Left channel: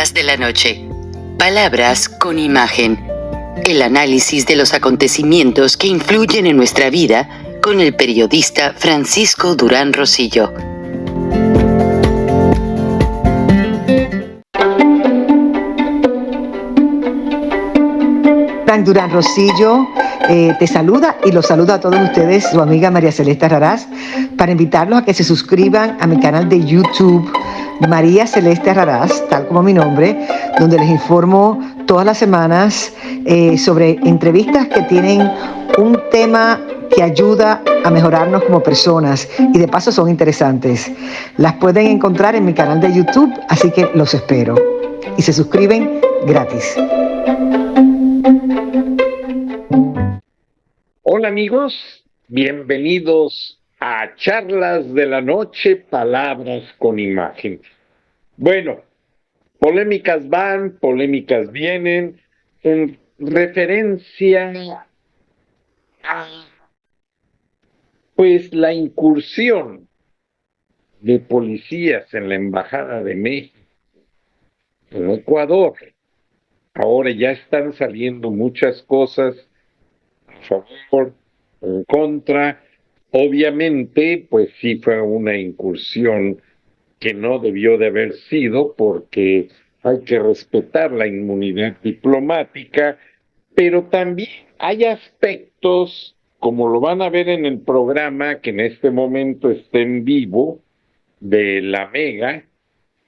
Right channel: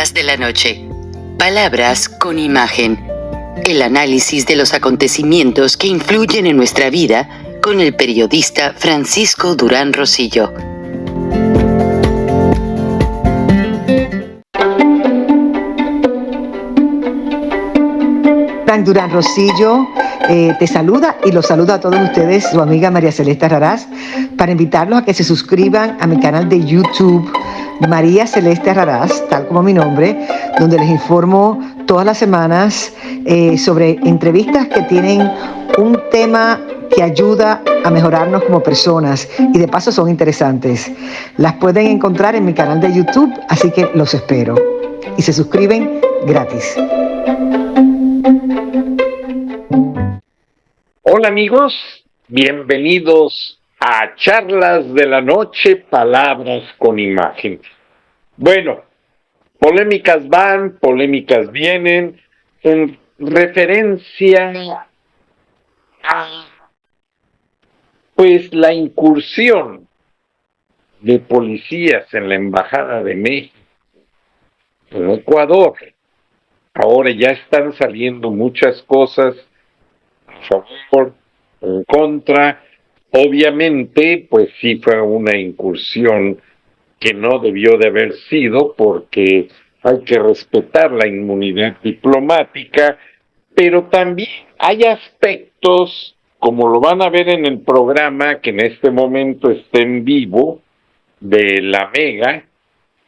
Charlas de la noche. Palabras con imagen. El análisis de los acontecimientos que influyen en nuestra vida con el periodista Francisco Durán Rosillo. Frank Durán Rosillo te saluda y los saluda a todos ustedes, su amiga María Celeste Raraz, para invitarlos a que se suscriban a mi canal de YouTube, María Celeste Raraz, tal como mi nombre, donde les informo todas las semanas sobre entrevistas que tienen un tema que ayuda a mejorarnos como personas y de paso son interesantes. Las pueden encontrar en mi canal de YouTube, así que los espero. Y se suscriben gratis. Hola amigos, bienvenidos a Charlas de la Noche, Palabras con Imagen. Bueno, polémicas van, polémicas vienen, en referencia a pues la incursión de policías en la Embajada de México en Ecuador. Ahora ya están saliendo muchas cosas a favor, en contra. Obviamente, pues sí fue una incursión que no debió de haber sido, porque hay que respetar la inmunidad diplomática, pero también hay aspectos, como lo van a ver en el programa que en este momento está en vivo, de La Mega.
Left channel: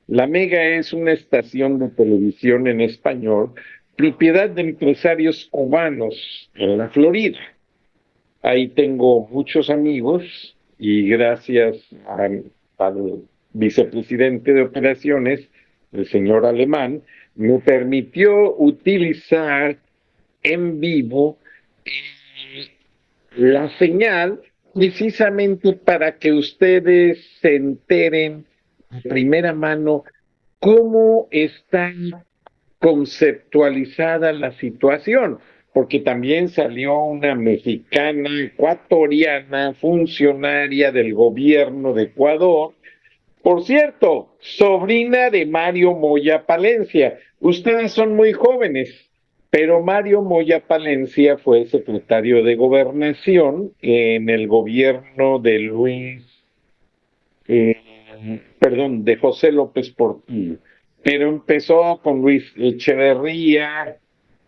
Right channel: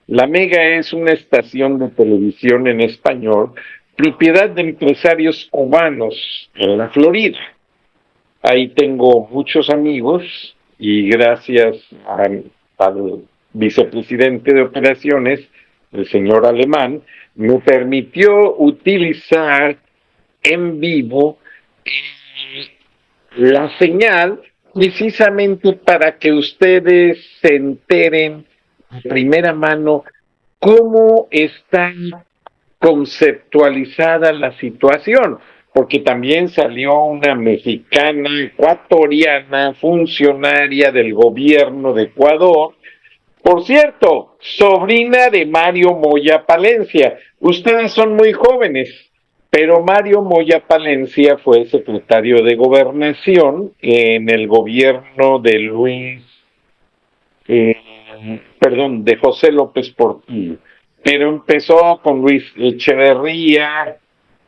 La Mega es una estación de televisión en español, propiedad de empresarios cubanos en la Florida. Ahí tengo muchos amigos y gracias al vicepresidente de operaciones, el señor Alemán, me permitió utilizar en vivo la señal precisamente para que ustedes se enteren de primera mano cómo está conceptualizada la situación, porque también salió una mexicana ecuatoriana, funcionaria del gobierno de Ecuador, por cierto, sobrina de Mario Moya Palencia. Ustedes son muy jóvenes, pero Mario Moya Palencia fue secretario de Gobernación en el gobierno de de José López Portillo. Pero empezó con Luis Echeverría,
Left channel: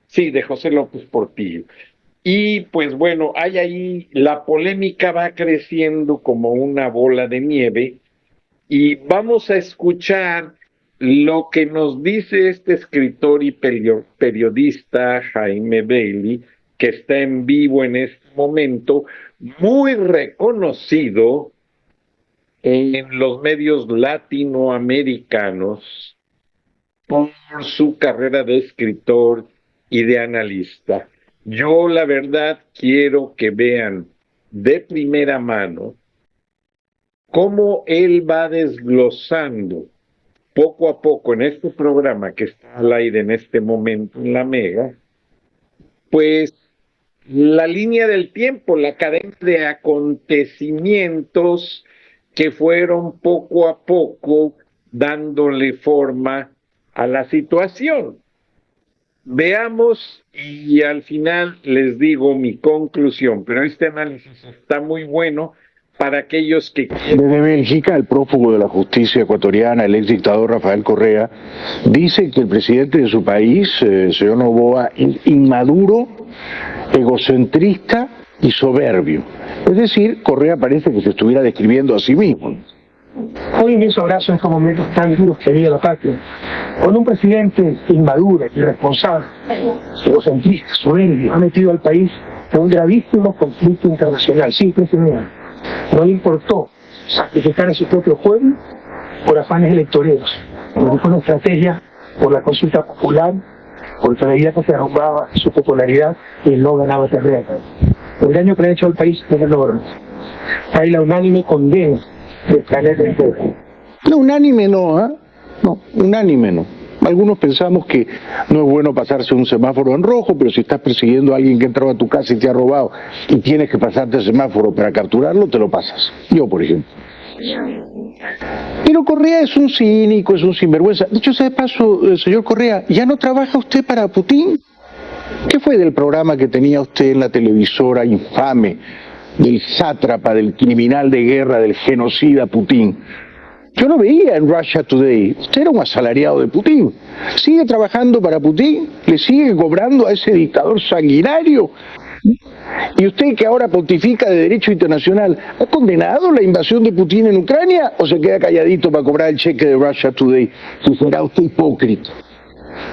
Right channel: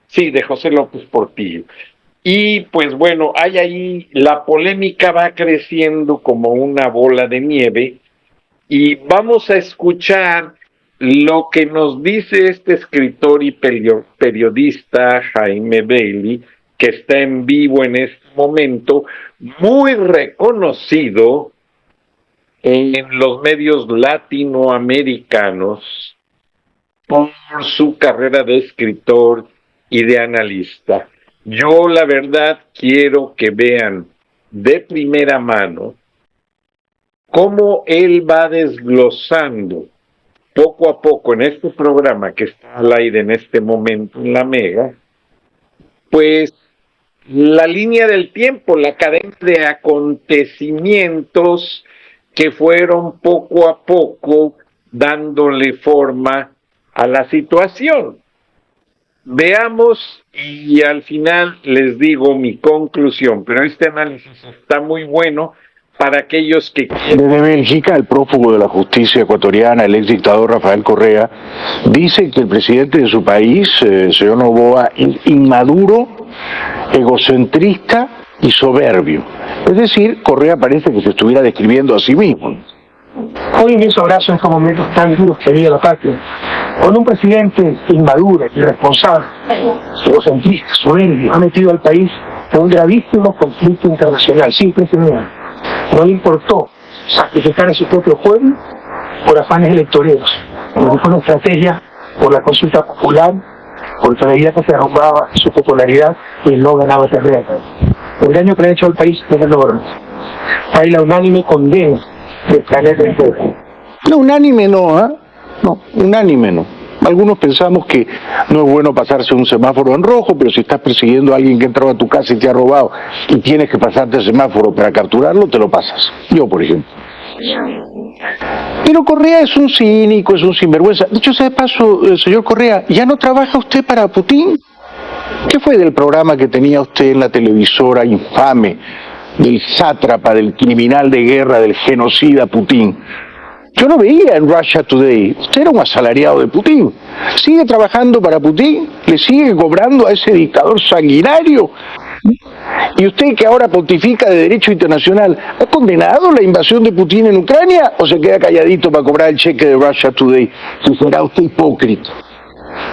sí, de José López Portillo. Y pues bueno, hay ahí, la polémica va creciendo como una bola de nieve, y vamos a escuchar lo que nos dice este escritor y periodista Jaime Bailey, que está en vivo en este momento, muy reconocido en los medios latinoamericanos por su carrera de escritor y de analista. Yo, la verdad, quiero que vean de primera mano cómo él va desglosando poco a poco en este programa que está al aire en este momento en La Mega, pues la línea del tiempo, la cadena de acontecimientos que fueron poco a poco dándole forma a la situación. Veamos y al final les digo mi conclusión, pero este análisis está muy bueno para aquellos que quieren. Desde Bélgica, el prófugo de la justicia ecuatoriana, el ex dictador Rafael Correa, dice que el presidente de su país, señor Noboa, inmaduro, egocentrista y soberbio. Es decir, Correa parece que se estuviera describiendo a sí mismo. Hoy en esos abrazo en estos momentos tan duros que vive la patria, con un presidente inmaduro, irresponsable, egocentrista, soberbio, ha metido al país en un gravísimo conflicto internacional sin precedentes. No le importó sacrificar a su propio pueblo por afanes electoreros, porque fue una estrategia por la consulta popular, porque veía que se derrumbaba su popularidad y no ganaba terreno. El daño que le ha hecho al país es enorme. Hay la unánime condena del planeta entero. No, unánime no, ¿eh? No, unánime no. Algunos pensamos que no es bueno pasarse un semáforo en rojo, pero si estás persiguiendo a alguien que entró a tu casa y te ha robado y tienes que pasarte el semáforo para capturarlo, te lo pasas. Yo, por ejemplo. Pero Correa es un cínico, es un sinvergüenza. Dicho sea de paso, señor Correa, ¿ya no trabaja usted para Putin? ¿Qué fue del programa que tenía usted en la televisora infame del sátrapa, del criminal de guerra, del genocida Putin? Yo lo veía en Russia Today. Usted era un asalariado de Putin. ¿Sigue trabajando para Putin? ¿Le sigue cobrando a ese dictador sanguinario? ¿Y usted, que ahora pontifica de derecho internacional, ha condenado la invasión de Putin en Ucrania o se queda calladito para cobrar el cheque de Russia Today? Si será usted hipócrita.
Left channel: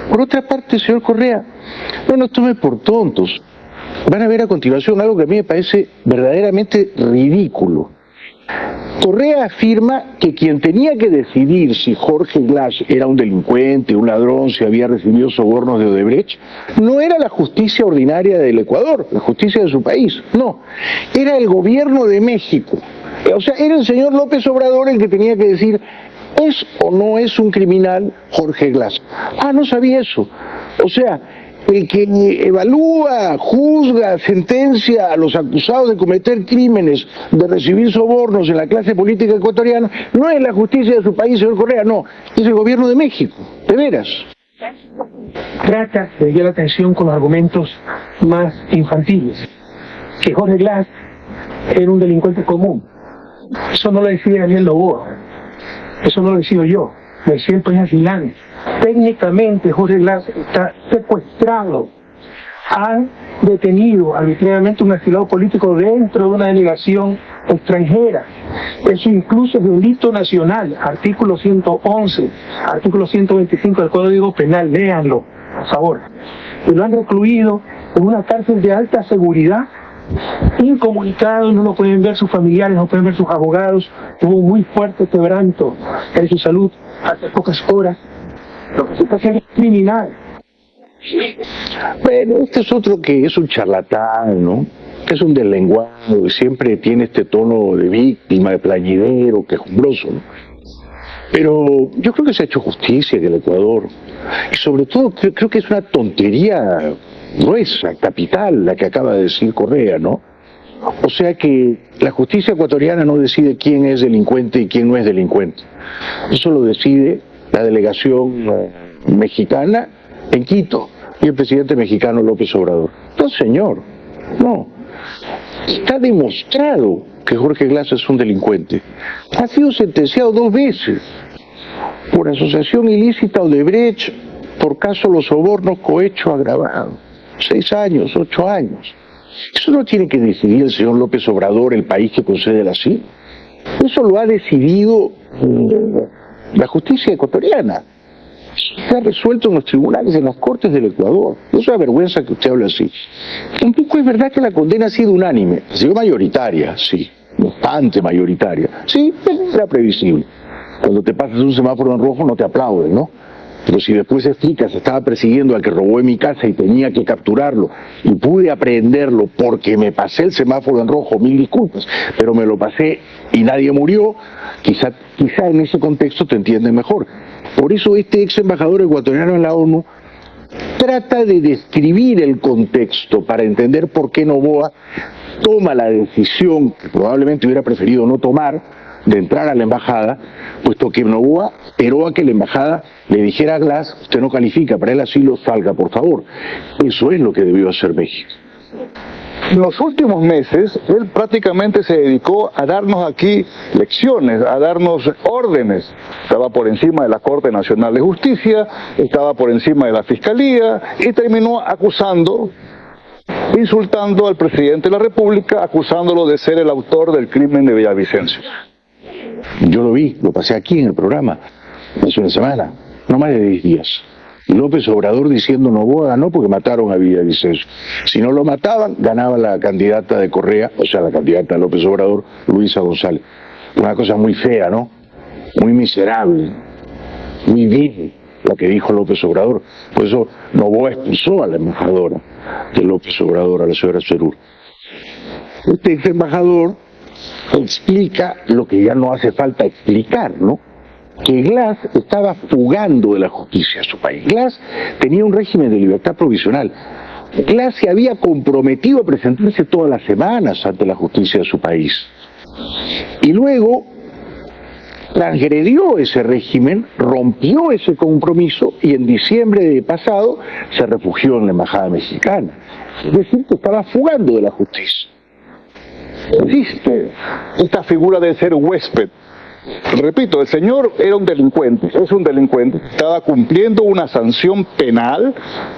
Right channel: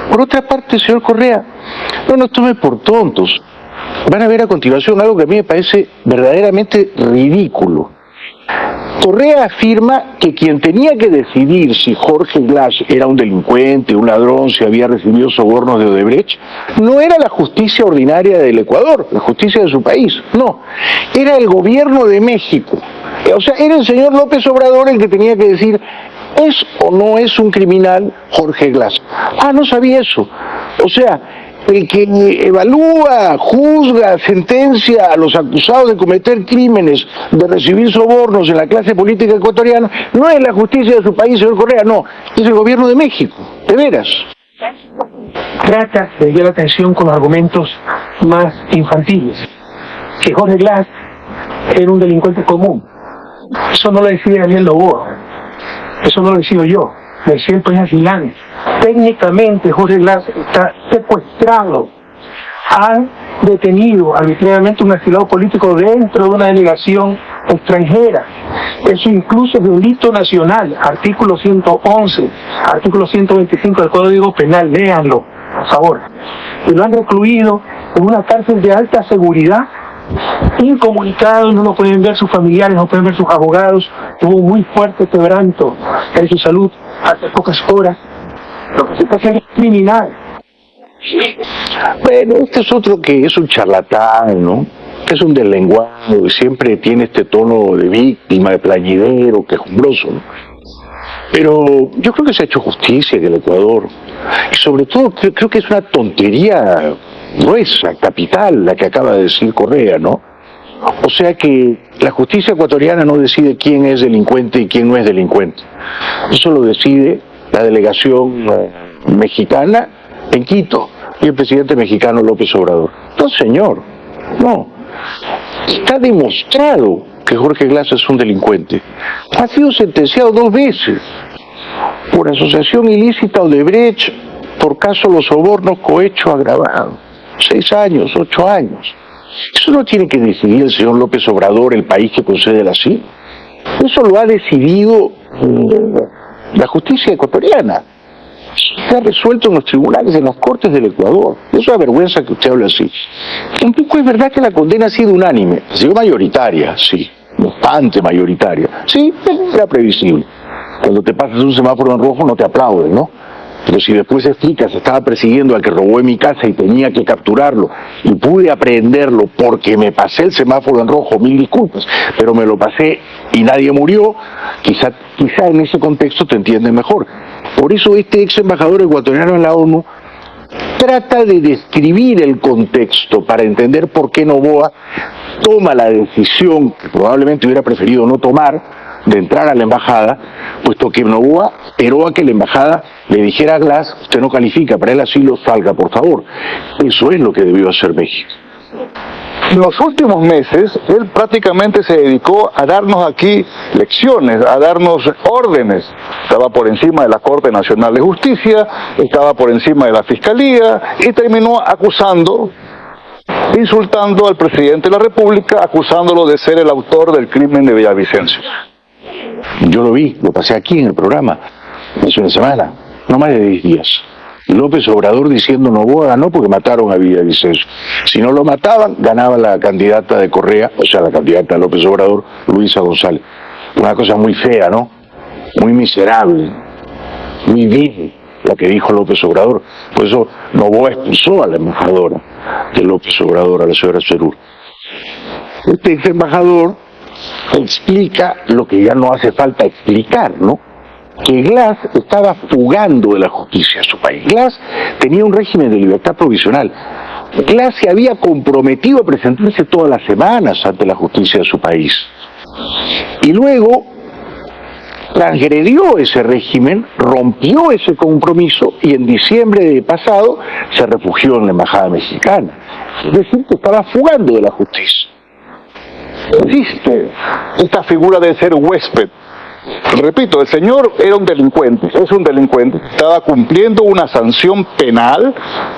Por otra parte, señor Correa, no nos tome por tontos. Van a ver a continuación algo que a mí me parece verdaderamente ridículo. Correa afirma que quien tenía que decidir si Jorge Glass era un delincuente, un ladrón, si había recibido sobornos de Odebrecht, no era la justicia ordinaria del Ecuador, la justicia de su país, no, era el gobierno de México. O sea, era el señor López Obrador el que tenía que decir, ¿es o no es un criminal Jorge Glass? Ah, no sabía eso. O sea, el que evalúa, juzga, sentencia a los acusados de cometer crímenes, de recibir sobornos en la clase política ecuatoriana, no es la justicia de su país, señor Correa, no, es el gobierno de México, de veras. Trata de desviar la atención con los argumentos más infantiles, que Jorge Glass era un delincuente común. Eso no lo decide Daniel Noboa, eso no lo decido yo, lo decide el país Asilán. Técnicamente Jorge Glass está secuestrado. Han detenido arbitrariamente un asilado político dentro de una delegación extranjera. Eso incluso es delito nacional, artículo 111, artículo 125 del Código Penal, léanlo, por favor. Y lo han recluido en una cárcel de alta seguridad, incomunicado, no lo pueden ver sus familiares, no pueden ver sus abogados. Tuvo muy fuerte quebranto en su salud hace pocas horas. Lo que se puede hacer es criminal. Bueno, este es otro que es un charlatán, ¿no? Que es un deslenguado y siempre tiene este tono de víctima, de plañidero, quejumbroso, ¿no? Pero yo creo que se ha hecho justicia en el Ecuador. Y sobre todo creo que es una tontería gruesa, capital, la que acaba de decir Correa, ¿no? O sea que la justicia ecuatoriana no decide quién es delincuente y quién no es delincuente. Eso lo decide la delegación mexicana en Quito y el presidente mexicano López Obrador. No, señor, no. Está demostrado que Jorge Glass es un delincuente. Ha sido sentenciado 2 veces por asociación ilícita Odebrecht, por caso los sobornos cohecho agravado. 6 años, 8 años. Eso no tiene que decidir el señor López Obrador, el país que concede el asilo. Eso lo ha decidido la justicia ecuatoriana. Se ha resuelto en los tribunales, en las cortes del Ecuador. Es una vergüenza que usted hable así. Tampoco es verdad que la condena ha sido unánime. Ha sido mayoritaria, sí. Bastante mayoritaria. Sí, era previsible. Cuando te pasas un semáforo en rojo no te aplauden, ¿no? Pero si después explicas, estaba persiguiendo al que robó en mi casa y tenía que capturarlo y pude aprehenderlo porque me pasé el semáforo en rojo, 1000 disculpas, pero me lo pasé y nadie murió, quizá en ese contexto te entiende mejor. Por eso este ex embajador ecuatoriano en la ONU trata de describir el contexto para entender por qué Noboa toma la decisión que probablemente hubiera preferido no tomar, de entrar a la embajada, puesto que Noboa esperó a que la embajada le dijera a Glass, usted no califica para el asilo, salga por favor. Eso es lo que debió hacer México. En los últimos meses, él prácticamente se dedicó a darnos aquí lecciones, a darnos órdenes. Estaba por encima de la Corte Nacional de Justicia, estaba por encima de la Fiscalía y terminó acusando, insultando al presidente de la República, acusándolo de ser el autor del crimen de Villavicencio. Yo lo vi, lo pasé aquí en el programa, hace una semana, no más de 10 días. López Obrador diciendo Noboa ganó porque mataron a Villavicencio. Si no lo mataban, ganaba la candidata de Correa, o sea, la candidata de López Obrador, Luisa González. Una cosa muy fea, ¿no? Muy miserable, muy vil, la que dijo López Obrador. Por eso Noboa expulsó a la embajadora de López Obrador, a la señora Cerur. Este ex embajador explica lo que ya no hace falta explicar, ¿no? Que Glass estaba fugando de la justicia a su país. Glass tenía un régimen de libertad provisional. Glass se había comprometido a presentarse todas las semanas ante la justicia de su país. Y luego transgredió ese régimen, rompió ese compromiso y en diciembre de pasado se refugió en la embajada mexicana. Es decir, que estaba fugando de la justicia. Existe esta figura de ser huésped. Repito, el señor era un delincuente, es un delincuente, estaba cumpliendo una sanción penal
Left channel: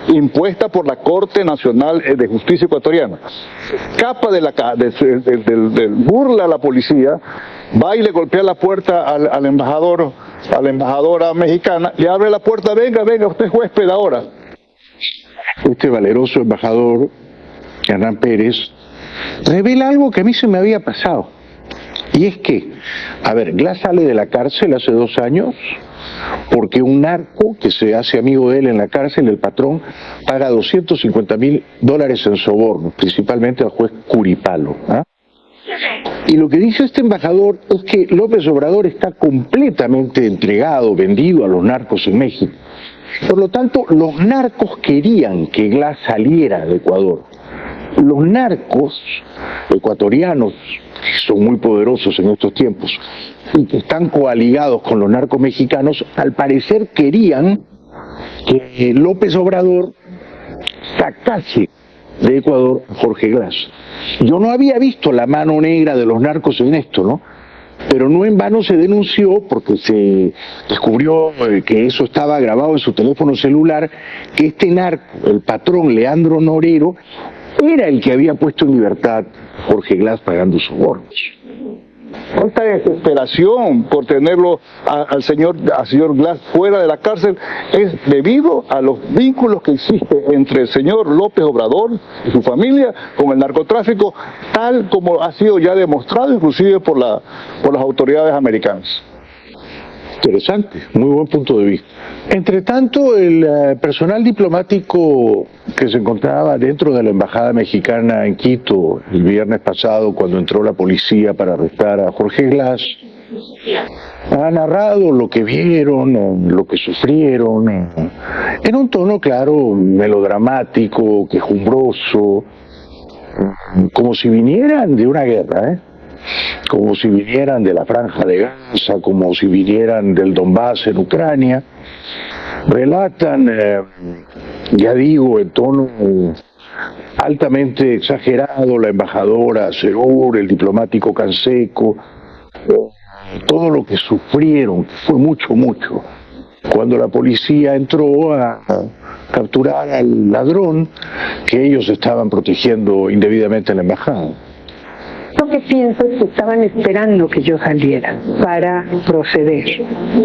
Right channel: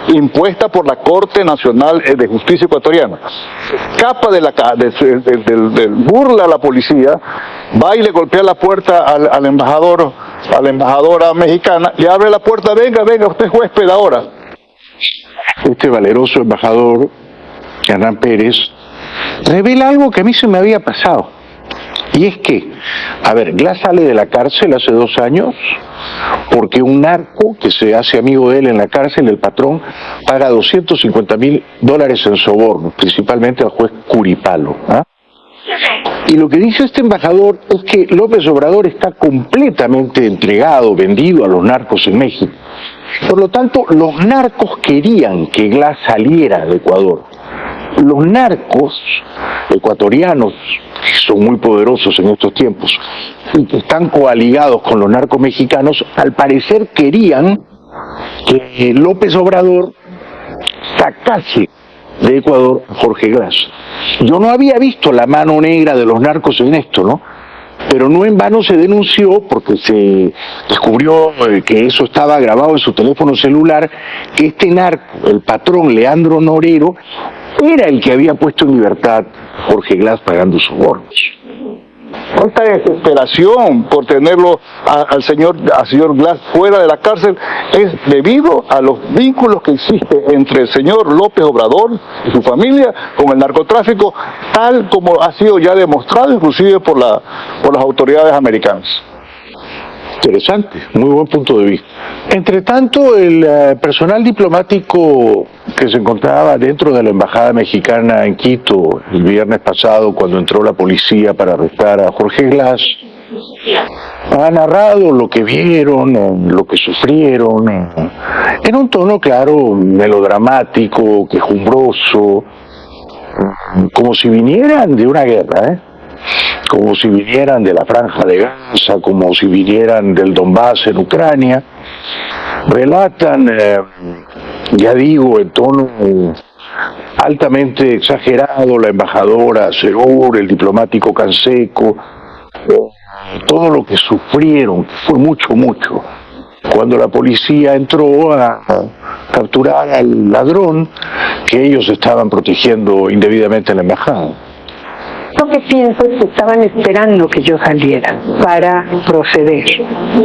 impuesta por la Corte Nacional de Justicia Ecuatoriana. Escapa burla a la policía, va y le golpea la puerta al embajador, a la embajadora mexicana, le abre la puerta, venga, usted es huésped ahora. Este valeroso embajador, Hernán Pérez, revela algo que a mí se me había pasado. Y es que, a ver, Glass sale de la cárcel hace 2 años porque un narco que se hace amigo de él en la cárcel, el patrón, paga $250,000 en sobornos, principalmente al juez Curipalo. ¿Ah? Y lo que dice este embajador es que López Obrador está completamente entregado, vendido a los narcos en México. Por lo tanto, los narcos querían que Glass saliera de Ecuador. Los narcos ecuatorianos, que son muy poderosos en estos tiempos, y que están coaligados con los narcos mexicanos, al parecer querían que López Obrador sacase de Ecuador a Jorge Glass. Yo no había visto la mano negra de los narcos en esto, ¿no? Pero no en vano se denunció, porque se descubrió que eso estaba grabado en su teléfono celular, que este narco, el patrón Leandro Norero, era el que había puesto en libertad a Jorge Glass pagando sobornos. Esta desesperación por tenerlo al señor Glass fuera de la cárcel es debido a los vínculos que existen entre el señor López Obrador y su familia con el narcotráfico, tal como ha sido ya demostrado inclusive por las autoridades americanas. Interesante, muy buen punto de vista. Entre tanto, el personal diplomático que se encontraba dentro de la embajada mexicana en Quito el viernes pasado, cuando entró la policía para arrestar a Jorge Glass, ha narrado lo que vieron, lo que sufrieron, en un tono, claro, melodramático, quejumbroso, como si vinieran de una guerra, como si vinieran de la Franja de Gaza, como si vinieran del Donbass en Ucrania. Relatan, ya digo, en tono altamente exagerado, la embajadora Serur, el diplomático Canseco, todo lo que sufrieron, que fue mucho, cuando la policía entró a capturar al ladrón que ellos estaban protegiendo indebidamente en la embajada. Lo que pienso es que estaban esperando que yo saliera para proceder,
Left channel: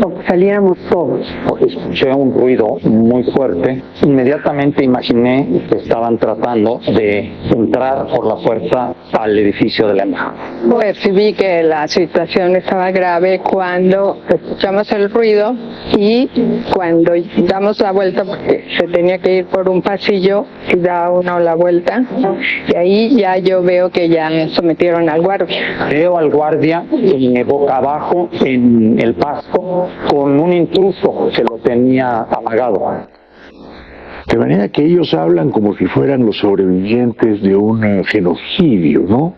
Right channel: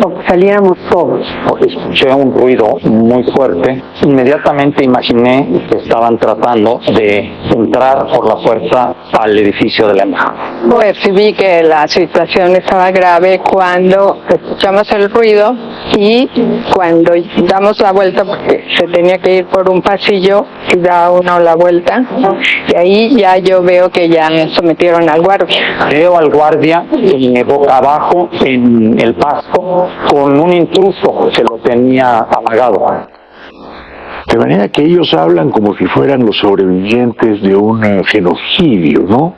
o que saliéramos todos. Escuché un ruido muy fuerte, inmediatamente imaginé que estaban tratando de entrar por la fuerza al edificio de la embajada. Percibí que la situación estaba grave cuando escuchamos el ruido y cuando damos la vuelta, porque se tenía que ir por un pasillo y da uno la vuelta, y ahí ya yo veo que ya sometieron al guardia. Veo al guardia boca abajo en el pasto con un intruso que lo tenía amagado. De manera que ellos hablan como si fueran los sobrevivientes de un genocidio, ¿no?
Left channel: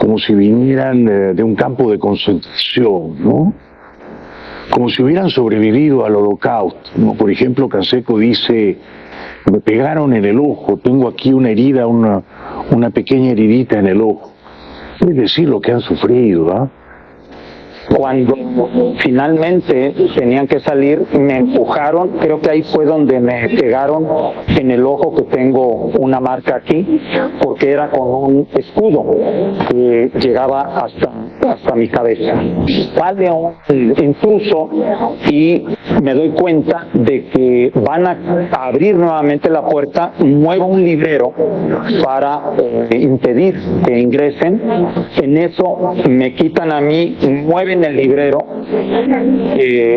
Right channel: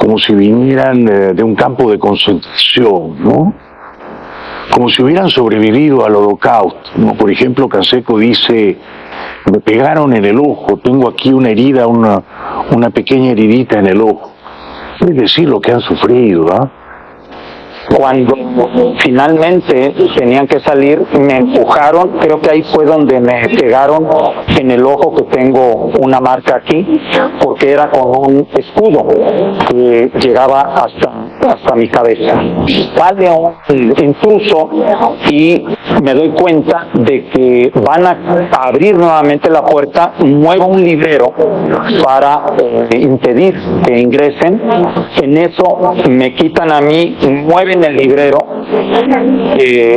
Como si vinieran de un campo de concentración, ¿no? Como si hubieran sobrevivido al holocausto, ¿no? Por ejemplo, Canseco dice: me pegaron en el ojo, tengo aquí una herida, una pequeña heridita en el ojo. Es decir, lo que han sufrido, ¿ah? Cuando finalmente tenían que salir, me empujaron, creo que ahí fue donde me pegaron en el ojo, que tengo una marca aquí, porque era con un escudo que llegaba hasta mi cabeza. Sale un intruso y me doy cuenta de que van a abrir nuevamente la puerta, muevo un librero para impedir que ingresen. En eso me quitan a mí, mueven el librero,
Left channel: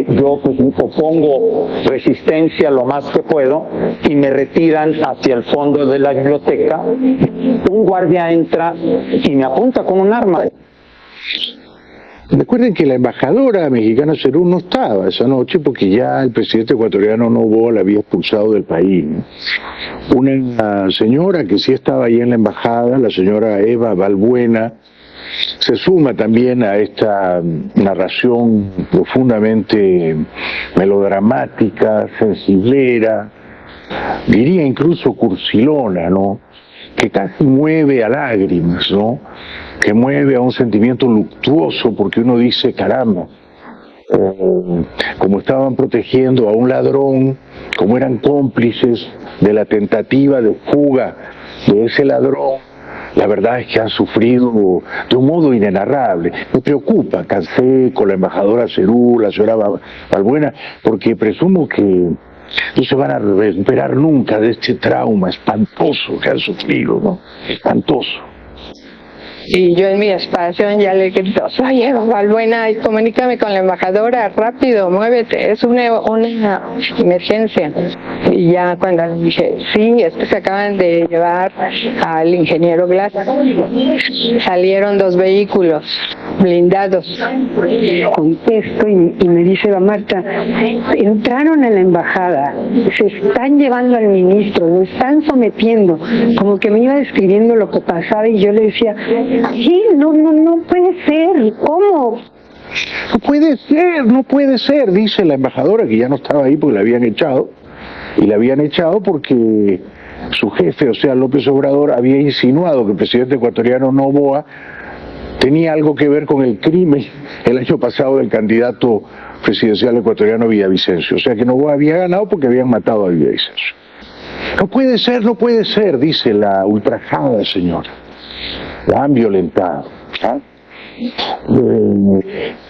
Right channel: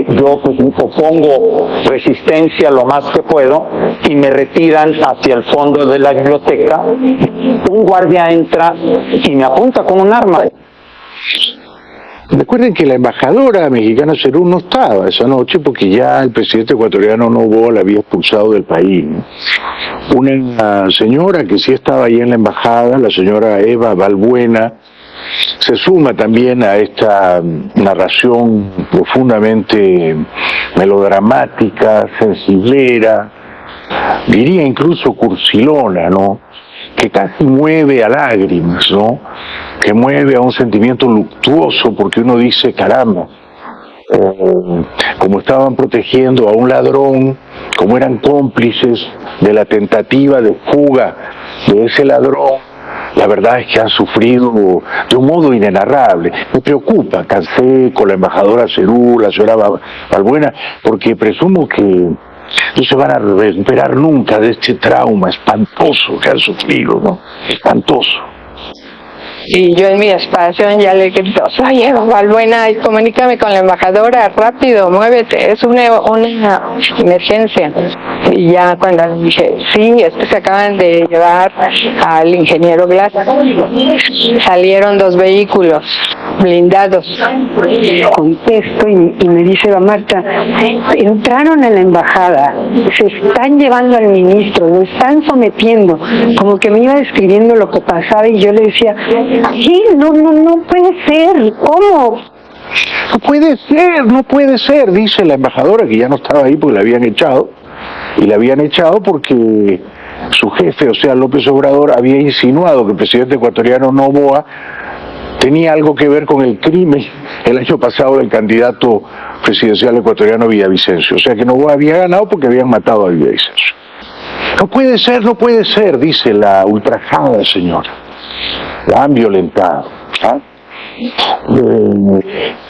yo pues opongo resistencia lo más que puedo y me retiran hacia el fondo de la biblioteca. Un guardia entra y me apunta con un arma. Recuerden que la embajadora mexicana Serur no estaba esa noche porque ya el presidente ecuatoriano Noboa la había expulsado del país. Una señora que sí estaba ahí en la embajada, la señora Eva Balbuena, se suma también a esta narración profundamente melodramática, sensiblera, diría incluso cursilona, ¿no? Que casi mueve a lágrimas, ¿no? Que mueve a un sentimiento luctuoso, porque uno dice, caramba, como estaban protegiendo a un ladrón, como eran cómplices de la tentativa de fuga de ese ladrón, la verdad es que han sufrido de un modo inenarrable. Me preocupa Canseco, la embajadora Cerú, la señora Balbuena, porque presumo que no se van a recuperar nunca de este trauma espantoso que han sufrido, ¿no? Espantoso. Y yo en mi espacio ya le grito, oye, Balbuena, comunícame con la embajadora, rápido, muévete, es una emergencia. Y ya cuando le dije, sí, es que se acaban de llevar al ingeniero Glass, salieron 2 vehículos blindados. Contesto y me dice, va Marta, entraron en la embajada, se están llevando al ministro, lo están sometiendo, como que me iba describiendo lo que pasaba y yo le decía, sí, no puede ser, ¿cómo? No puede ser, dice la embajadora, que ya no estaba ahí porque la habían echado, y la habían echado porque su jefe, o sea, López Obrador, había insinuado que el presidente ecuatoriano Noboa tenía algo que ver con el crimen el año pasado del candidato presidencial ecuatoriano Villavicencio, o sea que Noboa había ganado porque habían matado a Villavicencio. No puede ser, dice la ultrajada señora. La han violentado, ¿ah?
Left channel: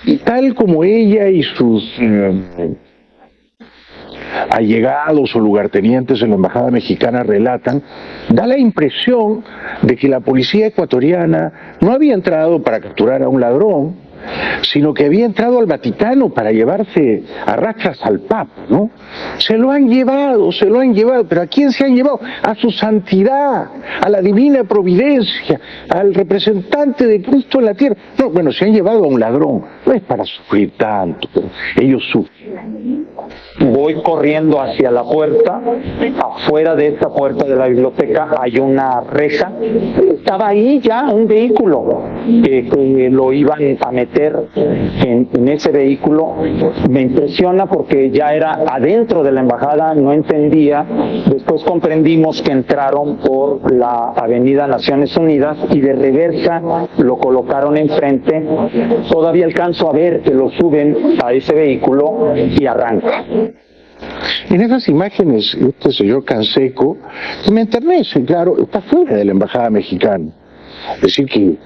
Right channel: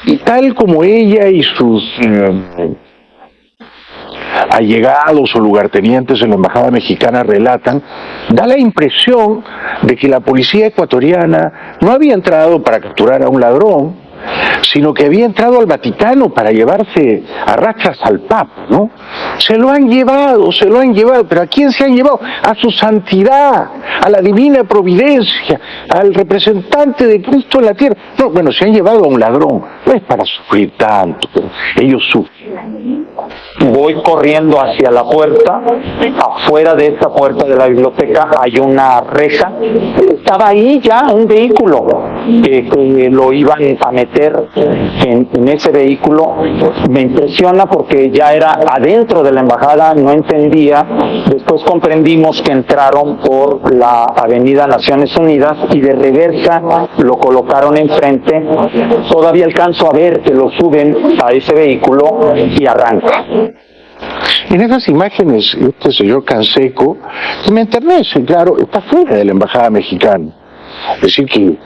Y tal como ella y sus allegados o lugartenientes en la embajada mexicana relatan, da la impresión de que la policía ecuatoriana no había entrado para capturar a un ladrón, sino que había entrado al Vaticano para llevarse a rachas al Papa, ¿no? Se lo han llevado, pero ¿a quién se han llevado? A su santidad, a la divina providencia, al representante de Cristo en la tierra. No, bueno, se han llevado a un ladrón, no es para sufrir tanto, pero ellos sufren. Voy corriendo hacia la puerta, afuera de esta puerta de la biblioteca hay una reja, estaba ahí ya un vehículo que lo iban a meter en ese vehículo. Me impresiona porque ya era adentro de la embajada, no entendía, después comprendimos que entraron por la avenida Naciones Unidas y de reversa lo colocaron enfrente, todavía alcanzo a ver que lo suben a ese vehículo y arranca. En esas imágenes, este señor Canseco, me enternece, claro, está fuera de la embajada mexicana. Es decir, que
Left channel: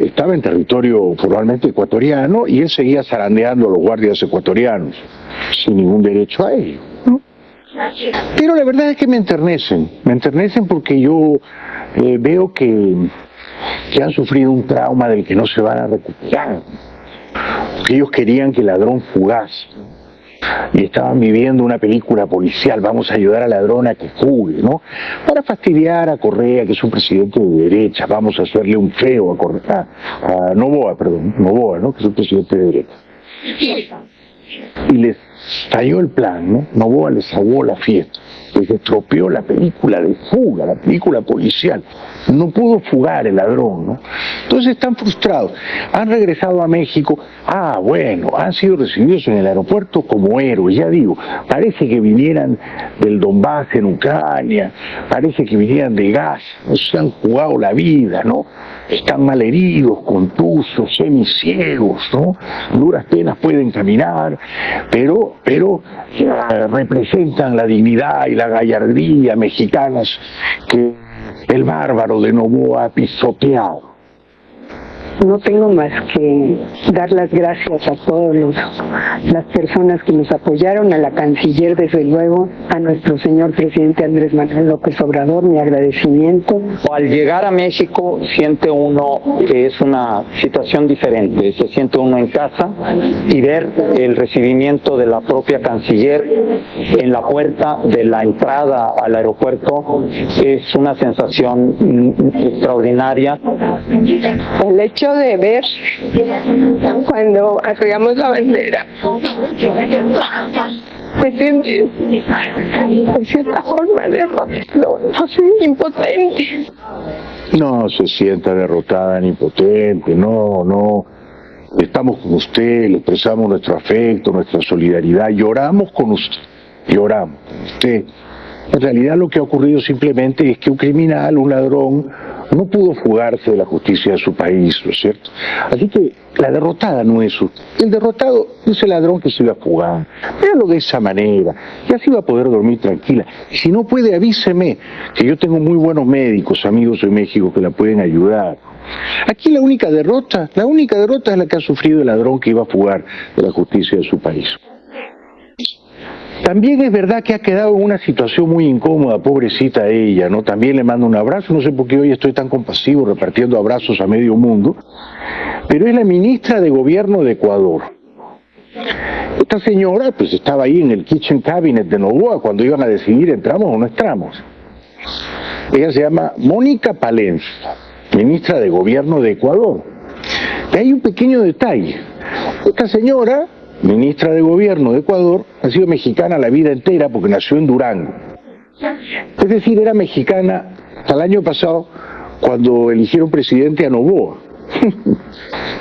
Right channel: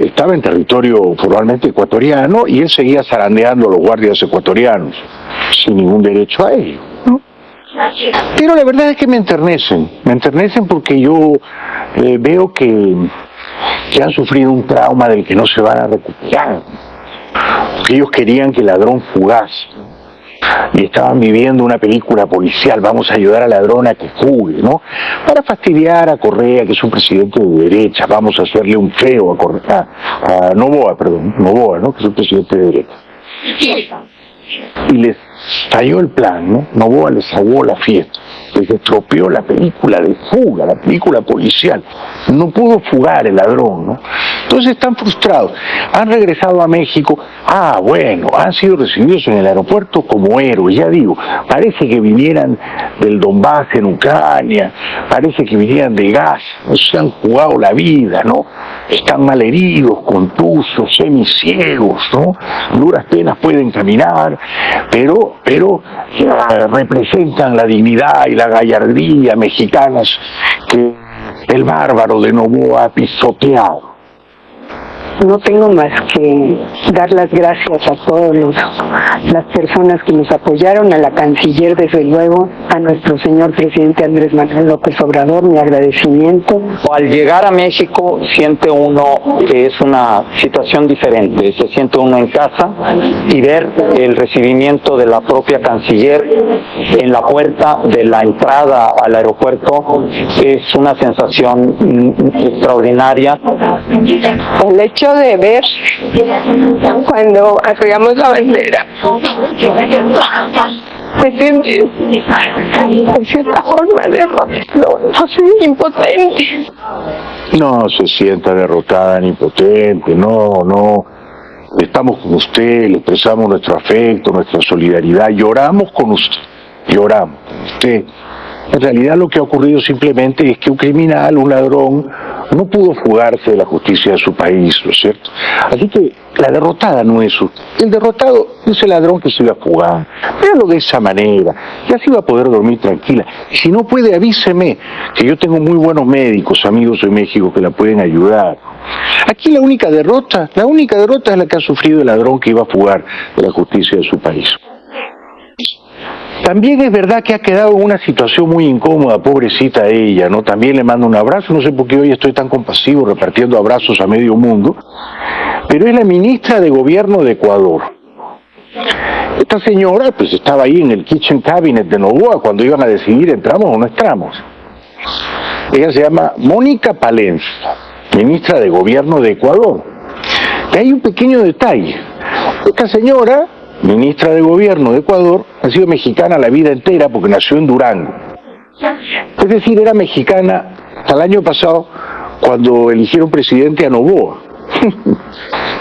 estaba en territorio formalmente ecuatoriano y él seguía zarandeando a los guardias ecuatorianos, sin ningún derecho a ello, ¿no? Pero la verdad es que me enternecen porque yo veo que han sufrido un trauma del que no se van a recuperar. Ellos querían que el ladrón fugase y estaban viviendo una película policial, vamos a ayudar al ladrón a que fugue, ¿no? Para fastidiar a Correa, que es un presidente de derecha, vamos a hacerle un feo a Noboa, ¿no? Que es un presidente de derecha. Y les falló el plan, ¿no? Noboa les salvó la fiesta, les estropeó la película de fuga, la película policial. No pudo fugar el ladrón, ¿no? Entonces están frustrados. Han regresado a México. Bueno, han sido recibidos en el aeropuerto como héroes, ya digo. Parece que vinieran del Donbass en Ucrania, parece que vinieran de Gaza, se han jugado la vida, ¿no? Están malheridos, contusos, semiciegos, ¿no? Duras penas pueden caminar, pero representan la dignidad y la gallardía mexicanas que el bárbaro de Noboa ha pisoteado. No tengo más que dar las gracias a todas las personas que nos apoyaron, a la canciller, desde luego, a nuestro señor presidente Andrés Manuel López Obrador, mi agradecimiento. Al llegar a México siente uno que es una situación diferente, se siente uno en casa y ver el recibimiento de la propia canciller en la puerta de la entrada al aeropuerto es una sensación extraordinaria. El hecho de ver cuando arribamos la bandera, me siento de cierta forma de impotente. No se sienta derrotada ni impotente, no. Estamos con usted, le expresamos nuestro afecto, nuestra solidaridad, lloramos con usted. En realidad lo que ha ocurrido simplemente es que un criminal, un ladrón, no pudo fugarse de la justicia de su país, ¿no es cierto? Así que la derrotada no es usted. El derrotado es el ladrón que se iba a fugar. Véalo de esa manera, y así va a poder dormir tranquila. Y si no puede, avíseme, que yo tengo muy buenos médicos, amigos de México, que la pueden ayudar. Aquí la única derrota es la que ha sufrido el ladrón que iba a fugar de la justicia de su país. También es verdad que ha quedado en una situación muy incómoda, pobrecita ella, ¿no? También le mando un abrazo, no sé por qué hoy estoy tan compasivo repartiendo abrazos a medio mundo, pero es la ministra de Gobierno de Ecuador. Esta señora, pues estaba ahí en el kitchen cabinet de Noboa cuando iban a decidir entramos o no entramos. Ella se llama Mónica Palencia, ministra de Gobierno de Ecuador. Y hay un pequeño detalle. Esta señora, ministra de Gobierno de Ecuador, ha sido mexicana la vida entera porque nació en Durango. Es decir, era mexicana hasta el año pasado cuando eligieron presidente a Noboa.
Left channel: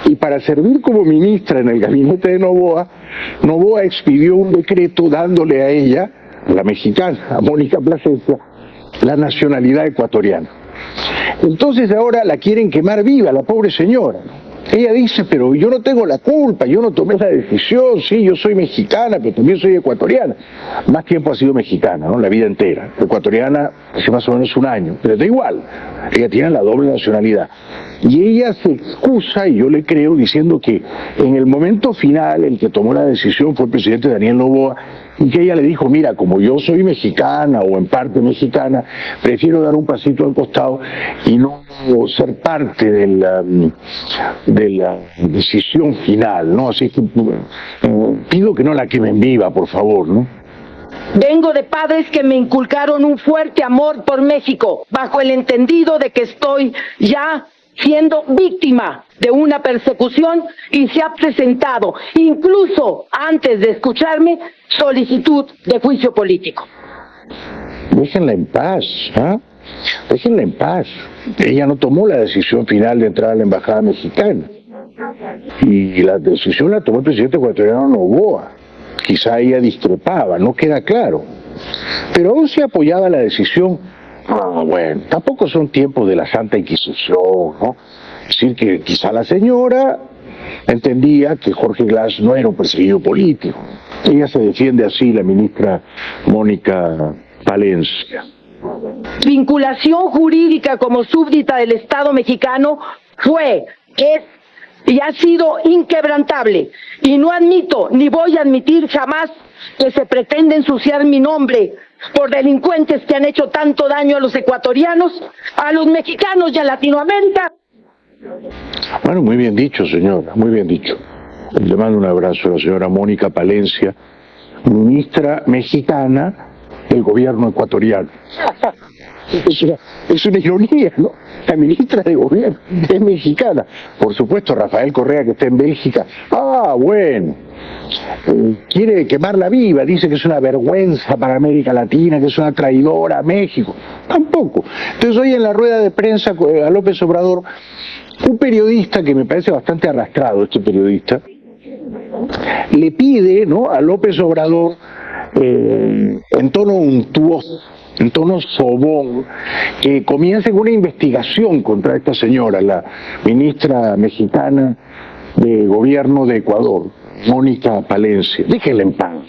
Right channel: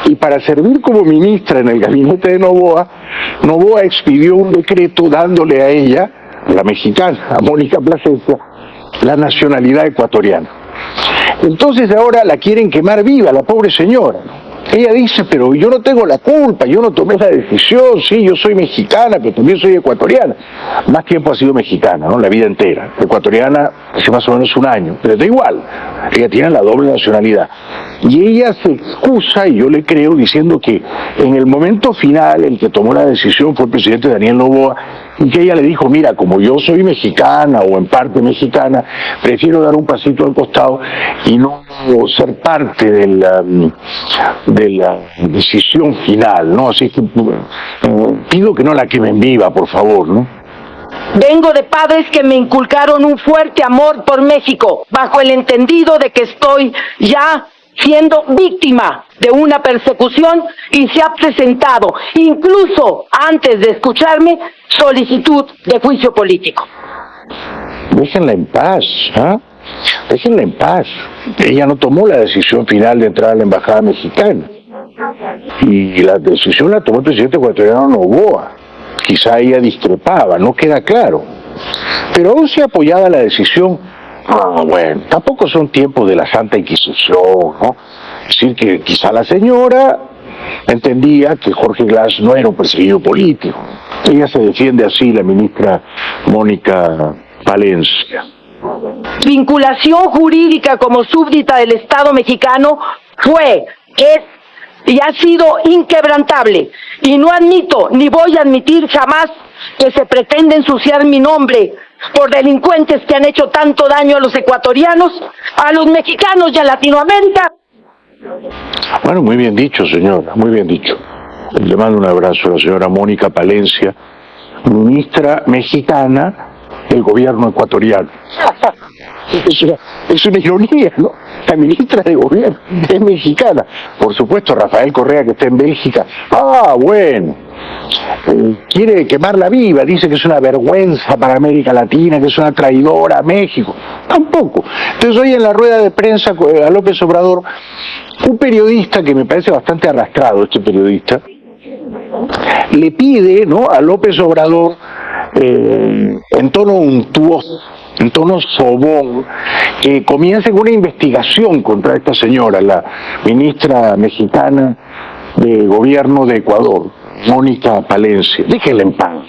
Y para servir como ministra en el gabinete de Noboa, Noboa expidió un decreto dándole a ella, la mexicana, a Mónica Plasencia, la nacionalidad ecuatoriana. Entonces ahora la quieren quemar viva, la pobre señora. Ella dice, pero yo no tengo la culpa, yo no tomé la decisión, sí, yo soy mexicana, pero también soy ecuatoriana. Más tiempo ha sido mexicana, ¿no? La vida entera. Ecuatoriana hace más o menos un año, pero da igual, ella tiene la doble nacionalidad. Y ella se excusa, y yo le creo, diciendo que en el momento final el que tomó la decisión fue el presidente Daniel Noboa, y que ella le dijo, mira, como yo soy mexicana o en parte mexicana, prefiero dar un pasito al costado y no ser parte de la decisión final, ¿no? Así que pido que no la quemen viva, por favor, ¿no? Vengo de padres que me inculcaron un fuerte amor por México, bajo el entendido de que estoy ya siendo víctima de una persecución y se ha presentado, incluso antes de escucharme, solicitud de juicio político. Déjenla en paz, ¿ah? Déjenla en paz. Ella no tomó la decisión final de entrar a la embajada mexicana. Y la decisión la tomó el presidente ecuatoriano Noboa. Quizá ella discrepaba, no queda claro. Pero aún si apoyaba la decisión, bueno, tampoco son tiempos de la Santa Inquisición, ¿no? Es decir, que quizá la señora entendía que Jorge Glass no era un perseguido político. Ella se defiende así, la ministra Mónica Palencia. Vinculación jurídica como súbdita del Estado mexicano fue, es y ha sido inquebrantable. Y no admito, ni voy a admitir jamás que se pretende ensuciar mi nombre por delincuentes que han hecho tanto daño a los ecuatorianos, a los mexicanos y a Latinoamérica. Bueno, muy bien dicho, señora, muy bien dicho. Le mando un abrazo a la señora Mónica Palencia, ministra mexicana del gobierno ecuatoriano. Es una ironía, ¿no? La ministra de gobierno es mexicana. Por supuesto, Rafael Correa, que está en Bélgica. Bueno. Quiere quemarla viva, dice que es una vergüenza para América Latina, que es una traidora a México. Tampoco. Entonces hoy en la rueda de prensa a López Obrador, un periodista que me parece bastante arrastrado, este periodista, le pide, ¿no?, a López Obrador, en tono untuoso, en tono sobón, que comience una investigación contra esta señora, la ministra mexicana de Gobierno de Ecuador, Mónica Palencia. Déjenla en paz.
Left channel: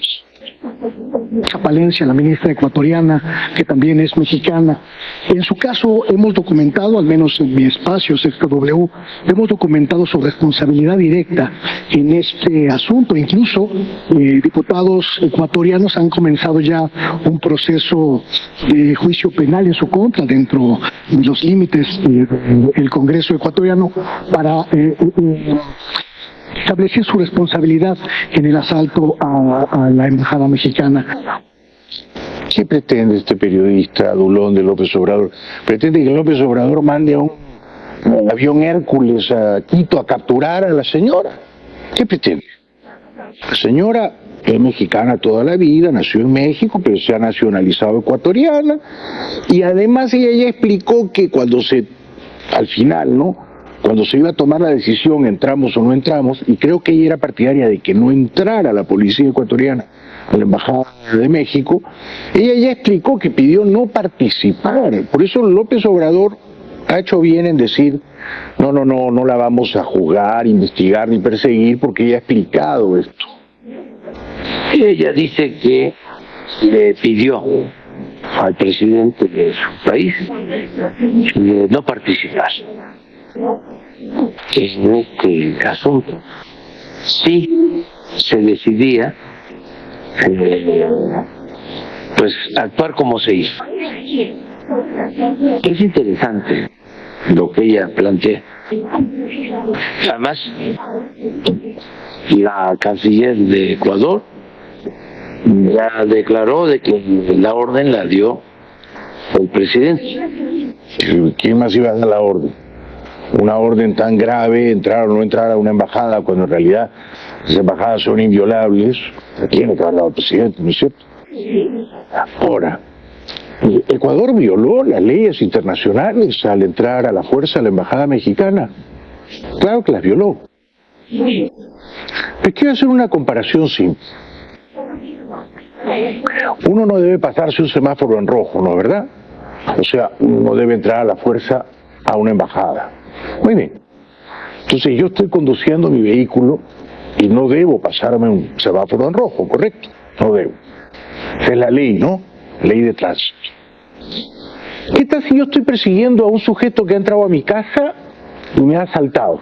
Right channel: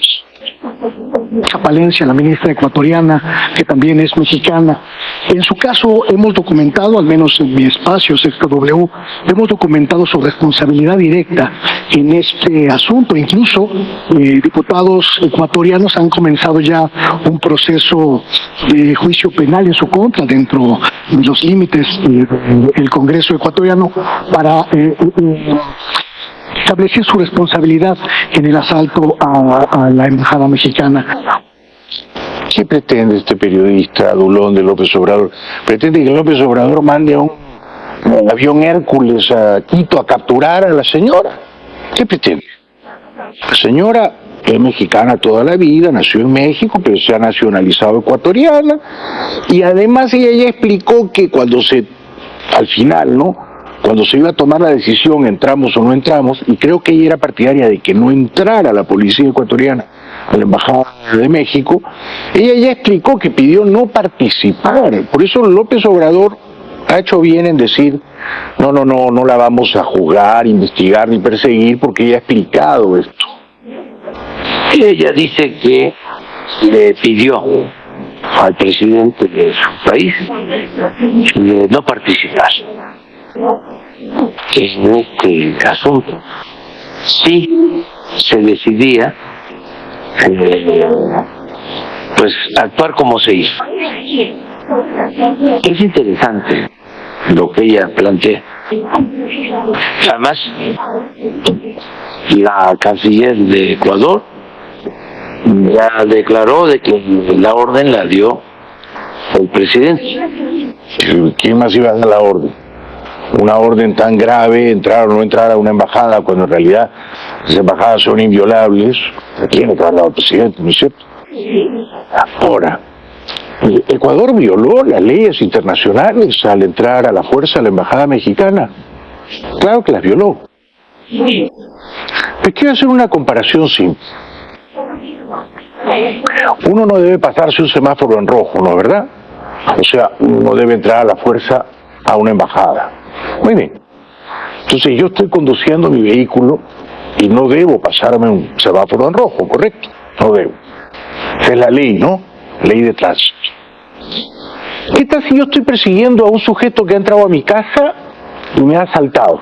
Palencia, la ministra ecuatoriana, que también es mexicana. En su caso hemos documentado, al menos en mi espacio, Sexto W, hemos documentado su responsabilidad directa en este asunto. Incluso diputados ecuatorianos han comenzado ya un proceso de juicio penal en su contra dentro de los límites del Congreso ecuatoriano para establecer su responsabilidad en el asalto a la embajada mexicana. ¿Qué pretende este periodista adulón de López Obrador? ¿Pretende que López Obrador mande un avión Hércules a Quito a capturar a la señora? ¿Qué pretende? La señora es mexicana toda la vida, nació en México, pero se ha nacionalizado ecuatoriana, y además ella ya explicó que cuando se al final, ¿no? Cuando se iba a tomar la decisión, entramos o no entramos, y creo que ella era partidaria de que no entrara la policía ecuatoriana a la Embajada de México, ella ya explicó que pidió no participar. Por eso López Obrador ha hecho bien en decir, no la vamos a juzgar, investigar ni perseguir, porque ella ha explicado esto. Ella dice que le pidió al presidente de su país de no participar en este asunto. Si se decidía pues actuar como se hizo. Es interesante lo que ella plantea. Además, la canciller de Ecuador ya declaró de que la orden la dio el presidente. ¿Quién más iba a dar la orden? Una orden tan grave, entrar o no entrar a una embajada, cuando en realidad las embajadas son inviolables, tiene que haber dado el presidente, ¿no es cierto? Ahora, Ecuador violó las leyes internacionales al entrar a la fuerza a la embajada mexicana. Claro que las violó. Pues quiero hacer una comparación simple. Uno no debe pasarse un semáforo en rojo, ¿no es verdad? O sea, uno no debe entrar a la fuerza a una embajada. Muy bien. Entonces yo estoy conduciendo mi vehículo y no debo pasarme un semáforo en rojo, ¿correcto? No debo. Esa es la ley, ¿no? Ley de tránsito. ¿Qué tal si yo estoy persiguiendo a un sujeto que ha entrado a mi casa y me ha asaltado?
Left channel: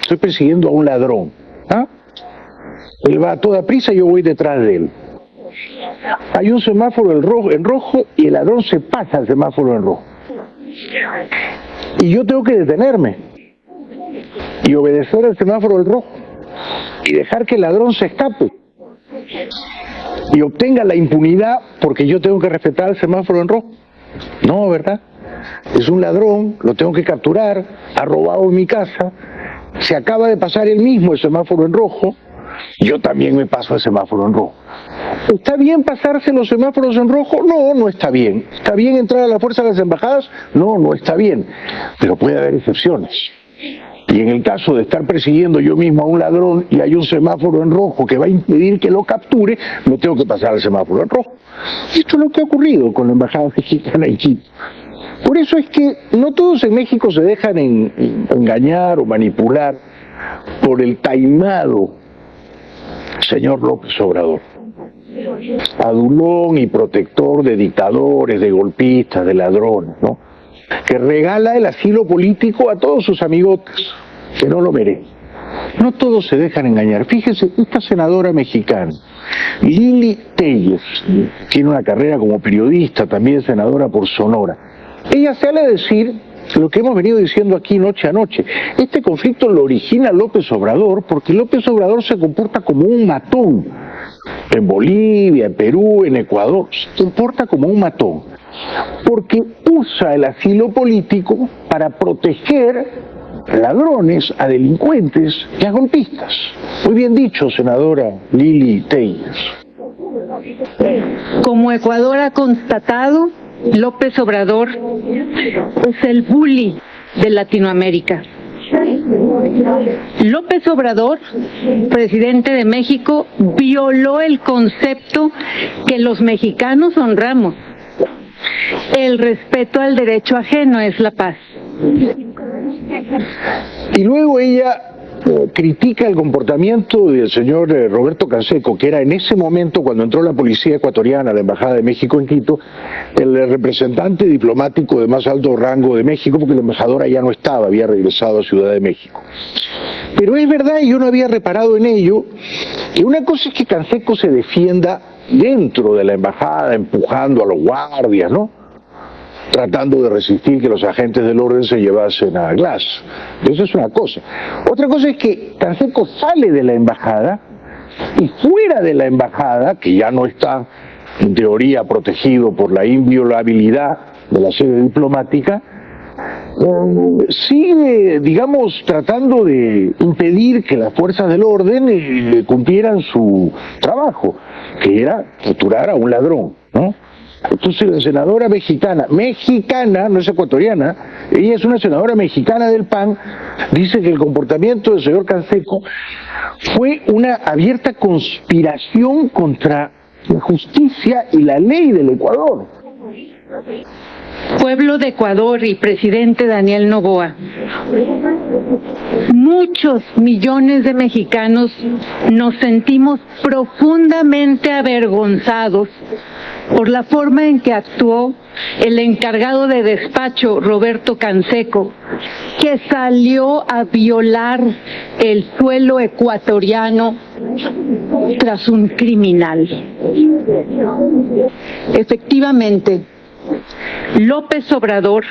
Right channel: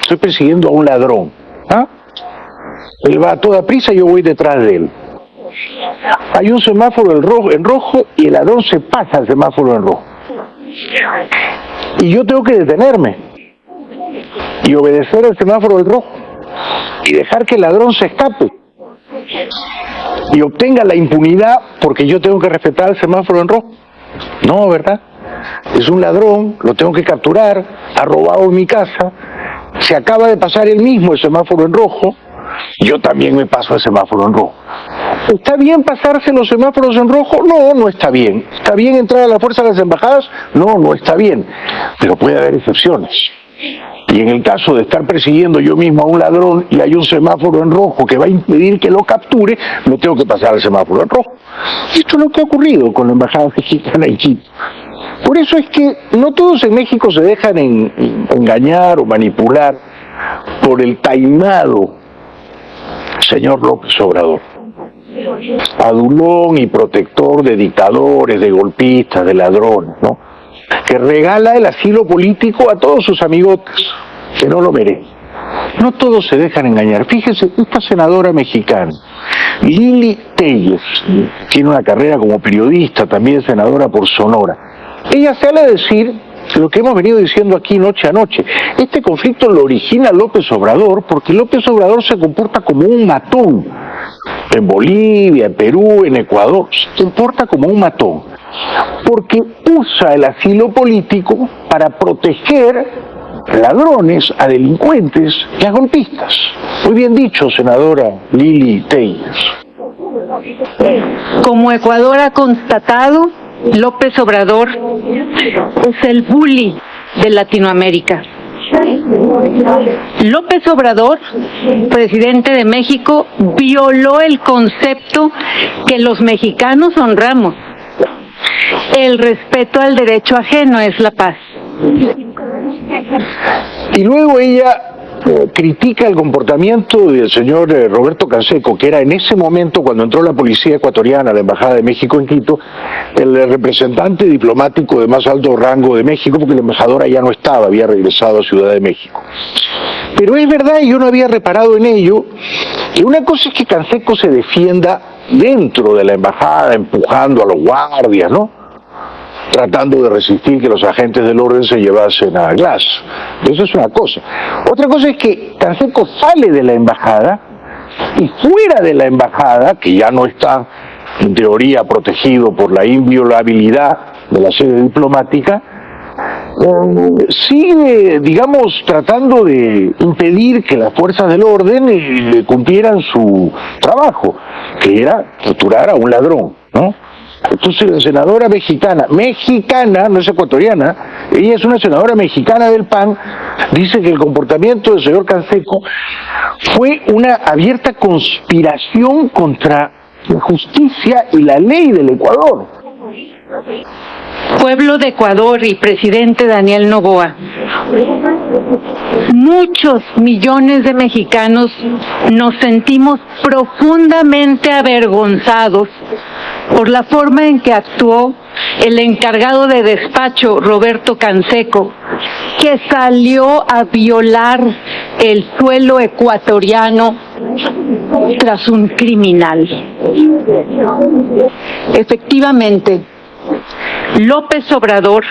Estoy persiguiendo a un ladrón. ¿Ah? Él va a toda prisa y yo voy detrás de él. Hay un semáforo en rojo y el ladrón se pasa al semáforo en rojo. Y yo tengo que detenerme y obedecer el semáforo en rojo y dejar que el ladrón se escape y obtenga la impunidad porque yo tengo que respetar el semáforo en rojo. No, ¿verdad? Es un ladrón, lo tengo que capturar, ha robado en mi casa, se acaba de pasar él mismo el semáforo en rojo, yo también me paso el semáforo en rojo. ¿Está bien pasarse los semáforos en rojo? No, no está bien. ¿Está bien entrar a la fuerza de las embajadas? No, no está bien. Pero puede haber excepciones. Y en el caso de estar persiguiendo yo mismo a un ladrón y hay un semáforo en rojo que va a impedir que lo capture, me tengo que pasar el semáforo en rojo. Esto es lo que ha ocurrido con la embajada mexicana en Quito. Por eso es que no todos en México se dejan engañar o manipular por el taimado señor López Obrador. Adulón y protector de dictadores, de golpistas, de ladrones, ¿no? Que regala el asilo político a todos sus amigotes, que no lo merecen. No todos se dejan engañar. Fíjese, esta senadora mexicana, Lili Telles, tiene una carrera como periodista, también senadora por Sonora. Ella sale a decir lo que hemos venido diciendo aquí noche a noche. Este conflicto lo origina López Obrador porque López Obrador se comporta como un matón. En Bolivia, en Perú, en Ecuador, se comporta como un matón. Porque usa el asilo político para proteger a ladrones, a delincuentes y a golpistas. Muy bien dicho, senadora Lili Telles. Como Ecuador ha constatado, López Obrador es el bully de Latinoamérica. López Obrador, presidente de México, violó el concepto que los mexicanos honramos. El respeto al derecho ajeno es la paz. Y luego ella critica el comportamiento del señor Roberto Canseco, que era en ese momento, cuando entró la policía ecuatoriana a la Embajada de México en Quito, el representante diplomático de más alto rango de México, porque la embajadora ya no estaba, había regresado a Ciudad de México. Pero es verdad, y yo no había reparado en ello, que una cosa es que Canseco se defienda dentro de la embajada, empujando a los guardias, ¿no? Tratando de resistir que los agentes del orden se llevasen a Glass. Eso es una cosa. Otra cosa es que Canseco sale de la embajada y fuera de la embajada, que ya no está en teoría protegido por la inviolabilidad de la sede diplomática, sigue, digamos, tratando de impedir que las fuerzas del orden cumplieran su trabajo, que era capturar a un ladrón, ¿no? Entonces la senadora mexicana, no es ecuatoriana, ella es una senadora mexicana del PAN, dice que el comportamiento del señor Canseco fue una abierta conspiración contra la justicia y la ley del Ecuador. Pueblo de Ecuador y presidente Daniel Noboa, muchos millones de mexicanos nos sentimos profundamente avergonzados por la forma en que actuó el encargado de despacho, Roberto Canseco, que salió a violar el suelo ecuatoriano tras un criminal. Efectivamente, López Obrador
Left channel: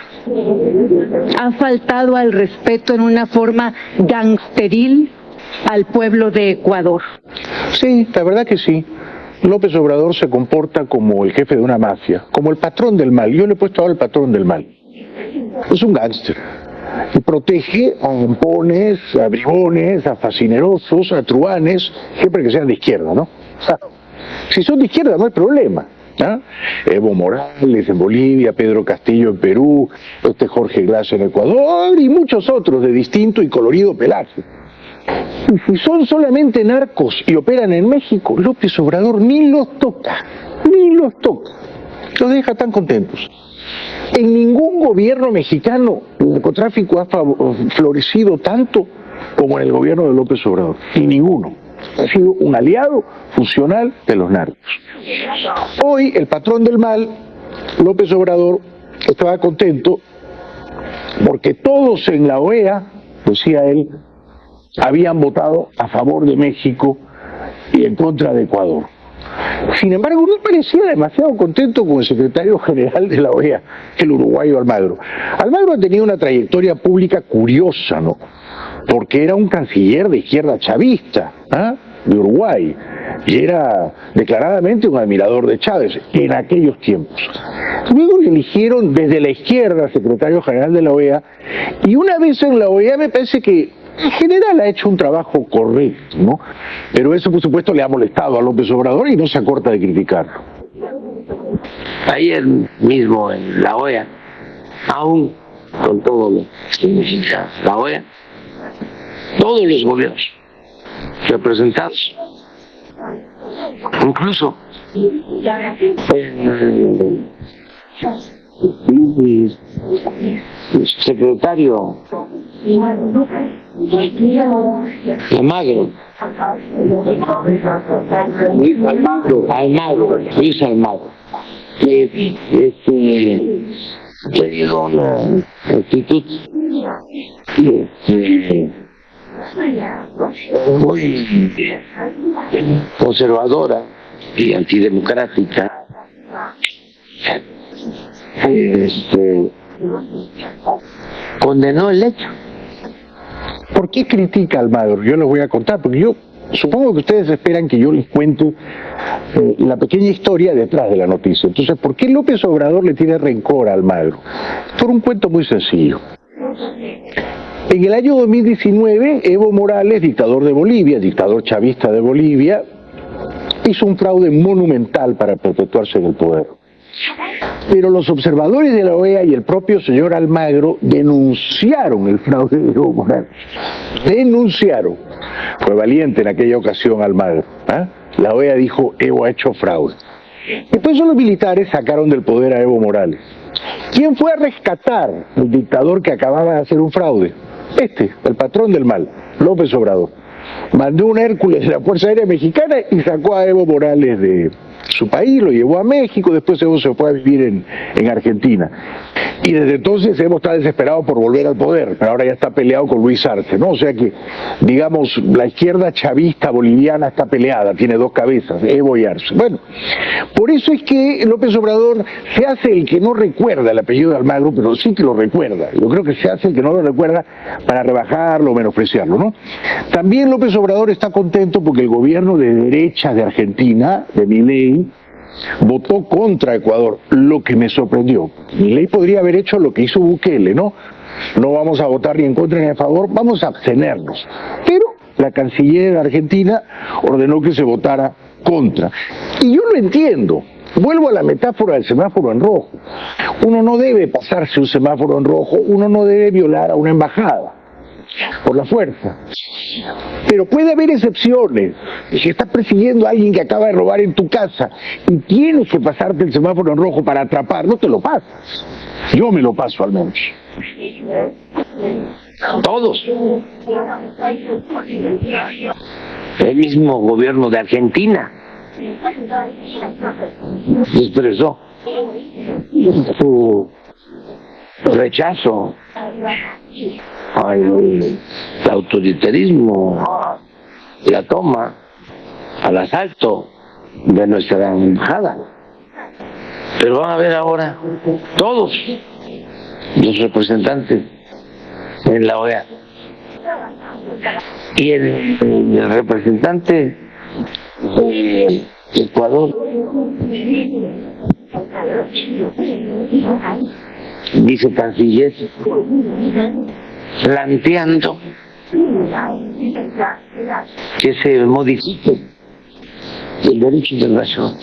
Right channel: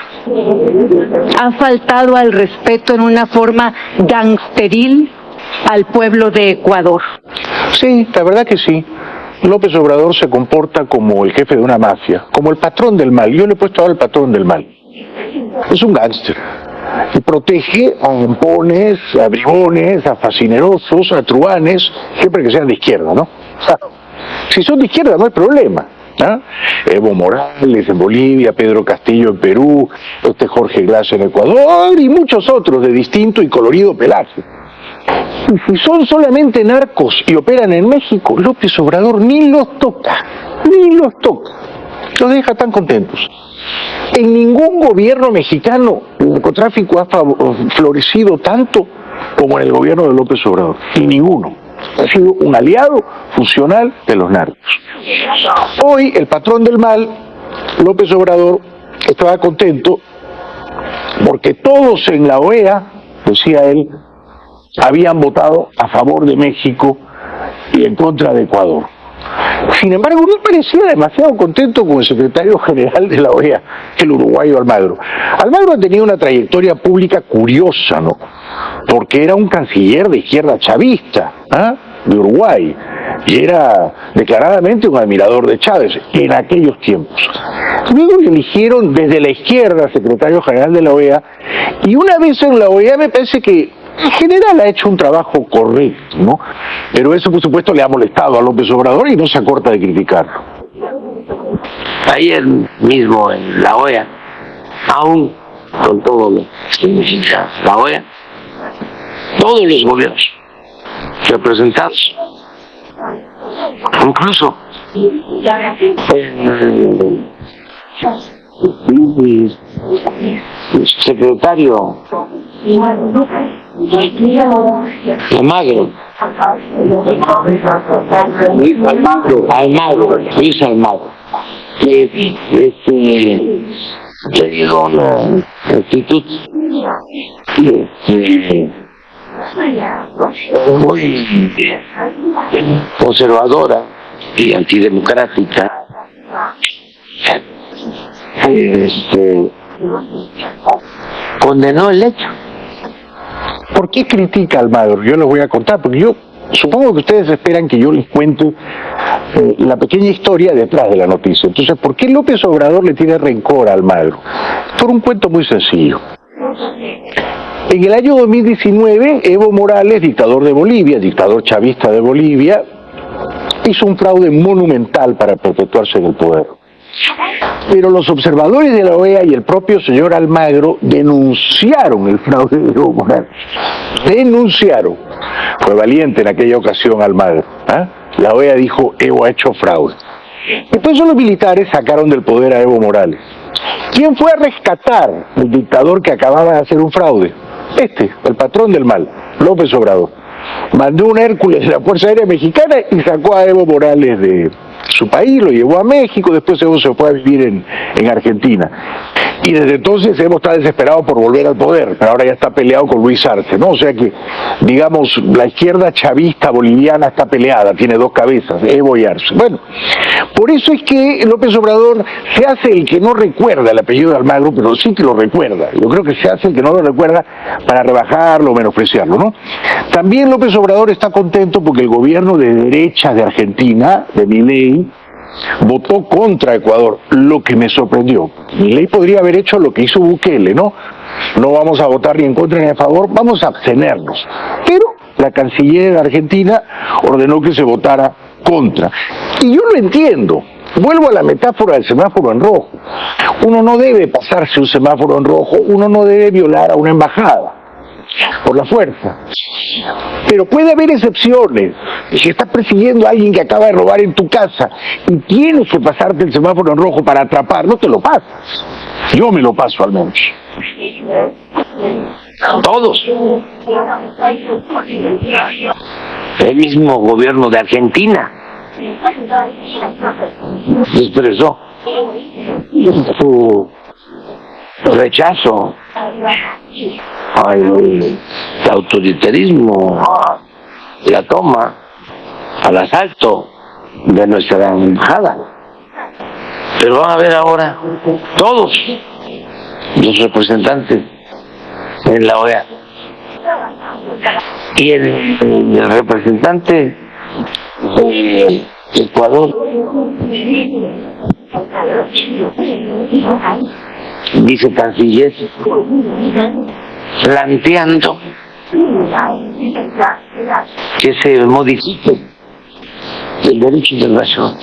ha faltado al respeto en una forma gangsteril al pueblo de Ecuador. Sí, la verdad que sí. López Obrador se comporta como el jefe de una mafia, como el patrón del mal. Yo le he puesto ahora el patrón del mal. Es un gángster. Y protege a zampones, a bribones, a fascinerosos, a truanes, siempre que sean de izquierda, ¿no? O sea, si son de izquierda no hay problema. ¿Ah? Evo Morales en Bolivia, Pedro Castillo en Perú, Jorge Glass en Ecuador y muchos otros de distinto y colorido pelaje. Y si son solamente narcos y operan en México, López Obrador ni los toca, los deja tan contentos. En ningún gobierno mexicano el narcotráfico ha florecido tanto como en el gobierno de López Obrador, y ninguno. Ha sido un aliado funcional de los narcos. Hoy el patrón del mal, López Obrador, estaba contento porque todos en la OEA, decía él, habían votado a favor de México y en contra de Ecuador. Sin embargo, no parecía demasiado contento con el secretario general de la OEA, el uruguayo Almagro. Almagro ha tenido una trayectoria pública curiosa, ¿no? Porque era un canciller de izquierda chavista, de Uruguay, y era declaradamente un admirador de Chávez en aquellos tiempos. Luego le eligieron desde la izquierda secretario general de la OEA, y una vez en la OEA me parece que en general ha hecho un trabajo correcto, ¿no? Pero eso, por supuesto, le ha molestado a López Obrador y no se acorta de criticarlo. Ayer mismo en la OEA, aún con todo lo que significa la OEA, todos los gobiernos representados, incluso el secretario Almagro, Luis Almagro, que dio una actitud muy conservadora y antidemocrática, condenó el hecho. ¿Por qué critica a Almagro? Yo les voy a contar, porque yo supongo que ustedes esperan que yo les cuente la pequeña historia detrás de la noticia. Entonces, ¿por qué López Obrador le tiene rencor a Almagro? Por un cuento muy sencillo. En el año 2019, Evo Morales, dictador de Bolivia, dictador chavista de Bolivia, hizo un fraude monumental para perpetuarse en el poder. Pero los observadores de la OEA y el propio señor Almagro denunciaron el fraude de Evo Morales. Denunciaron. Fue valiente en aquella ocasión Almagro. La OEA dijo, Evo ha hecho fraude. Después los militares sacaron del poder a Evo Morales. ¿Quién fue a rescatar al dictador que acababa de hacer un fraude? El patrón del mal, López Obrador. Mandó un Hércules de la Fuerza Aérea Mexicana y sacó a Evo Morales de su país, lo llevó a México, después Evo se fue a vivir en Argentina. Y desde entonces Evo está desesperado por volver al poder, pero ahora ya está peleado con Luis Arce, ¿no? O sea que, digamos, la izquierda chavista boliviana está peleada, tiene dos cabezas, Evo y Arce. Bueno, por eso es que López Obrador se hace el que no recuerda el apellido de Almagro, pero sí que lo recuerda. Yo creo que se hace el que no lo recuerda para rebajarlo o menospreciarlo, ¿no? También López Obrador está contento porque el gobierno de derecha de Argentina, de Milei, votó contra Ecuador, lo que me sorprendió. Milei podría haber hecho lo que hizo Bukele, ¿no? No vamos a votar ni en contra ni a favor, vamos a abstenernos. Pero la canciller de Argentina ordenó que se votara contra. Y yo lo entiendo, Vuelvo a la metáfora del semáforo en rojo. Uno no debe pasarse un semáforo en rojo, uno no debe violar a una embajada por la fuerza. Pero puede haber excepciones. Si estás persiguiendo a alguien que acaba de robar en tu casa y tienes que pasarte el semáforo en rojo para atrapar, no te lo pasas. Yo me lo paso al menos. Todos. El mismo gobierno de Argentina expresó su rechazo al autoritarismo, la toma, al asalto de nuestra embajada. Pero van a ver ahora todos los representantes en la OEA y el representante de Ecuador, vicecanciller, planteando que se modifique el derecho internacional.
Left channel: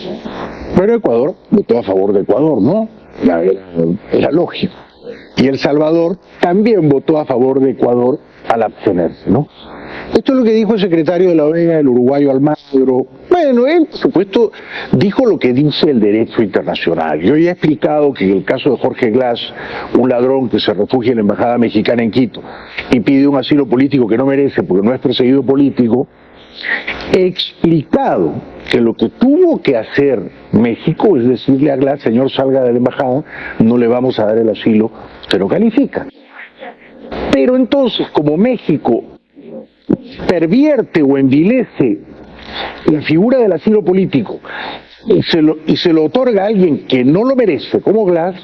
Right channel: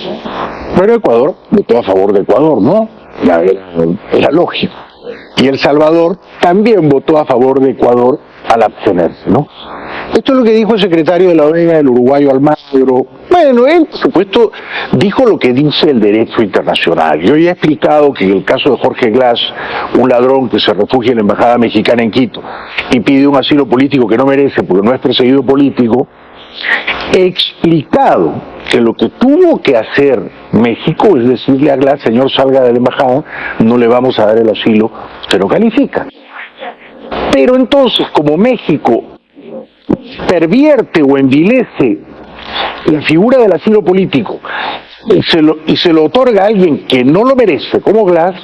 Pero Ecuador votó a favor de Ecuador, ¿no? Era lógico. Y El Salvador también votó a favor de Ecuador al abstenerse, ¿no? Esto es lo que dijo el secretario de la OEA, el uruguayo Almagro. Bueno, él, por supuesto, dijo lo que dice el derecho internacional. Yo ya he explicado que en el caso de Jorge Glass, un ladrón que se refugia en la embajada mexicana en Quito y pide un asilo político que no merece porque no es perseguido político, he explicado que lo que tuvo que hacer México es decirle a Glass: señor, salga de la embajada, no le vamos a dar el asilo, usted no califica. Pero entonces, como México pervierte o envilece la figura del asilo político y se lo otorga a alguien que no lo merece, como Glass,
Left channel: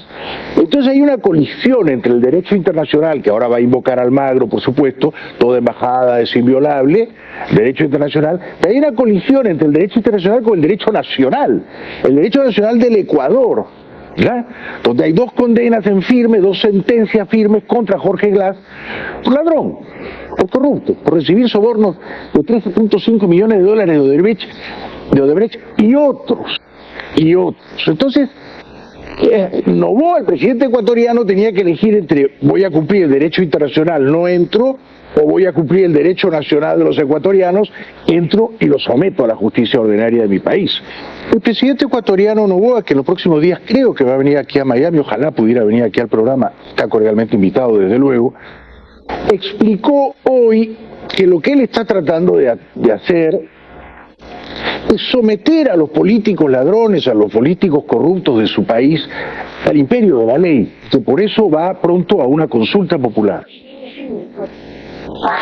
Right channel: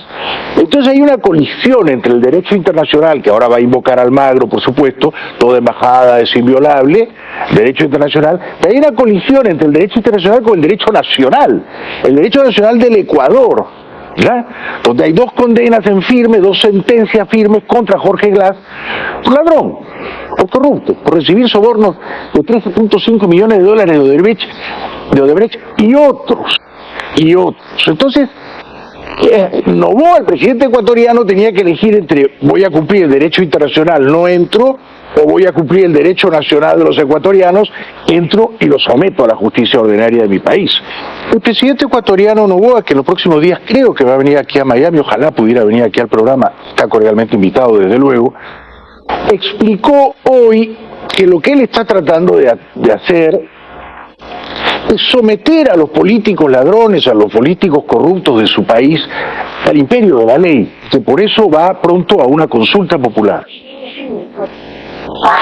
entonces hay una colisión entre el derecho internacional, que ahora va a invocar Almagro, por supuesto, toda embajada es inviolable, derecho internacional, pero hay una colisión entre el derecho internacional con el derecho nacional, el derecho nacional del Ecuador, ¿ya? Donde hay dos condenas en firme, dos sentencias firmes contra Jorge Glass, por ladrón, por corrupto, por recibir sobornos de 13.5 millones de dólares de Odebrecht y otros. Entonces, Noboa, el presidente ecuatoriano, tenía que elegir entre: voy a cumplir el derecho internacional, no entro, o voy a cumplir el derecho nacional de los ecuatorianos, entro y lo someto a la justicia ordinaria de mi país. El presidente ecuatoriano Noboa, que en los próximos días creo que va a venir aquí a Miami, ojalá pudiera venir aquí al programa, está cordialmente invitado desde luego, explicó hoy que lo que él está tratando de hacer es someter a los políticos ladrones, a los políticos corruptos de su país, al imperio de la ley, que por eso va pronto a una consulta popular.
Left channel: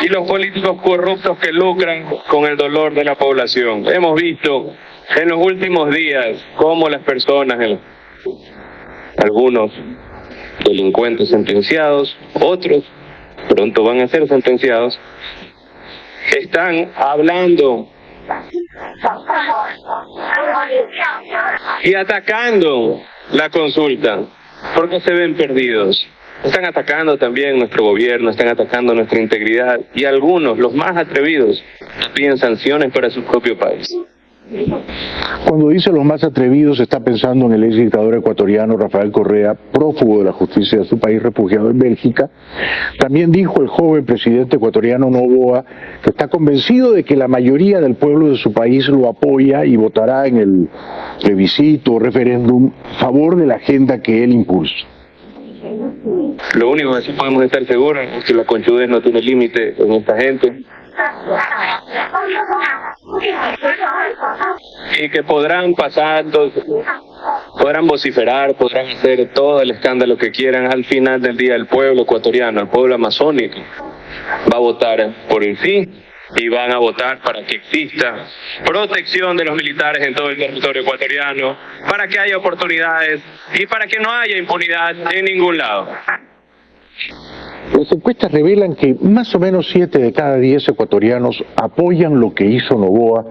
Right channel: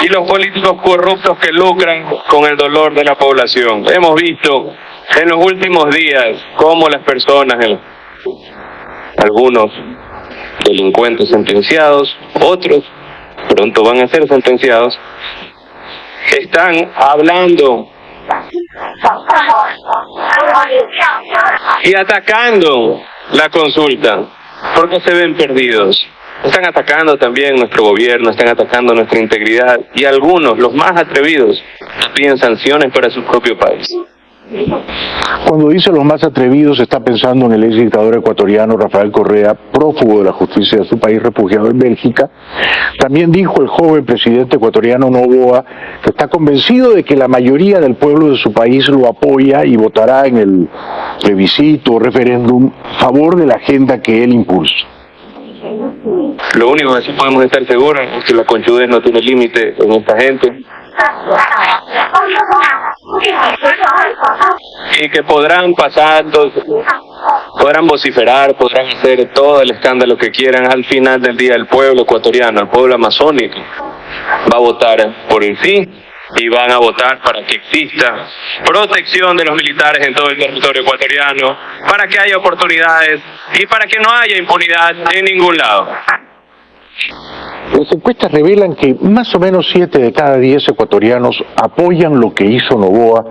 Y los políticos corruptos que lucran con el dolor de la población. Hemos visto en los últimos días cómo las personas, algunos delincuentes sentenciados, otros pronto van a ser sentenciados, están hablando y atacando la consulta porque se ven perdidos. Están atacando también nuestro gobierno, están atacando nuestra integridad, y algunos, los más atrevidos, piden sanciones para su propio país. Cuando dice los más atrevidos, está pensando en el ex dictador ecuatoriano Rafael Correa, prófugo de la justicia de su país, refugiado en Bélgica. También dijo el joven presidente ecuatoriano Noboa que está convencido de que la mayoría del pueblo de su país lo apoya y votará en el plebiscito o referéndum a favor de la agenda que él impulsa. Lo único que sí podemos estar seguros es que la conchudez no tiene límite en esta gente, y que podrán podrán vociferar, podrán hacer todo el escándalo que quieran. Al final del día, el pueblo ecuatoriano, el pueblo amazónico, va a votar por el sí, y van a votar para que exista protección de los militares en todo el territorio ecuatoriano, para que haya oportunidades y para que no haya impunidad en ningún lado. Las encuestas revelan que más o menos 7 de cada 10 ecuatorianos apoyan lo que hizo Noboa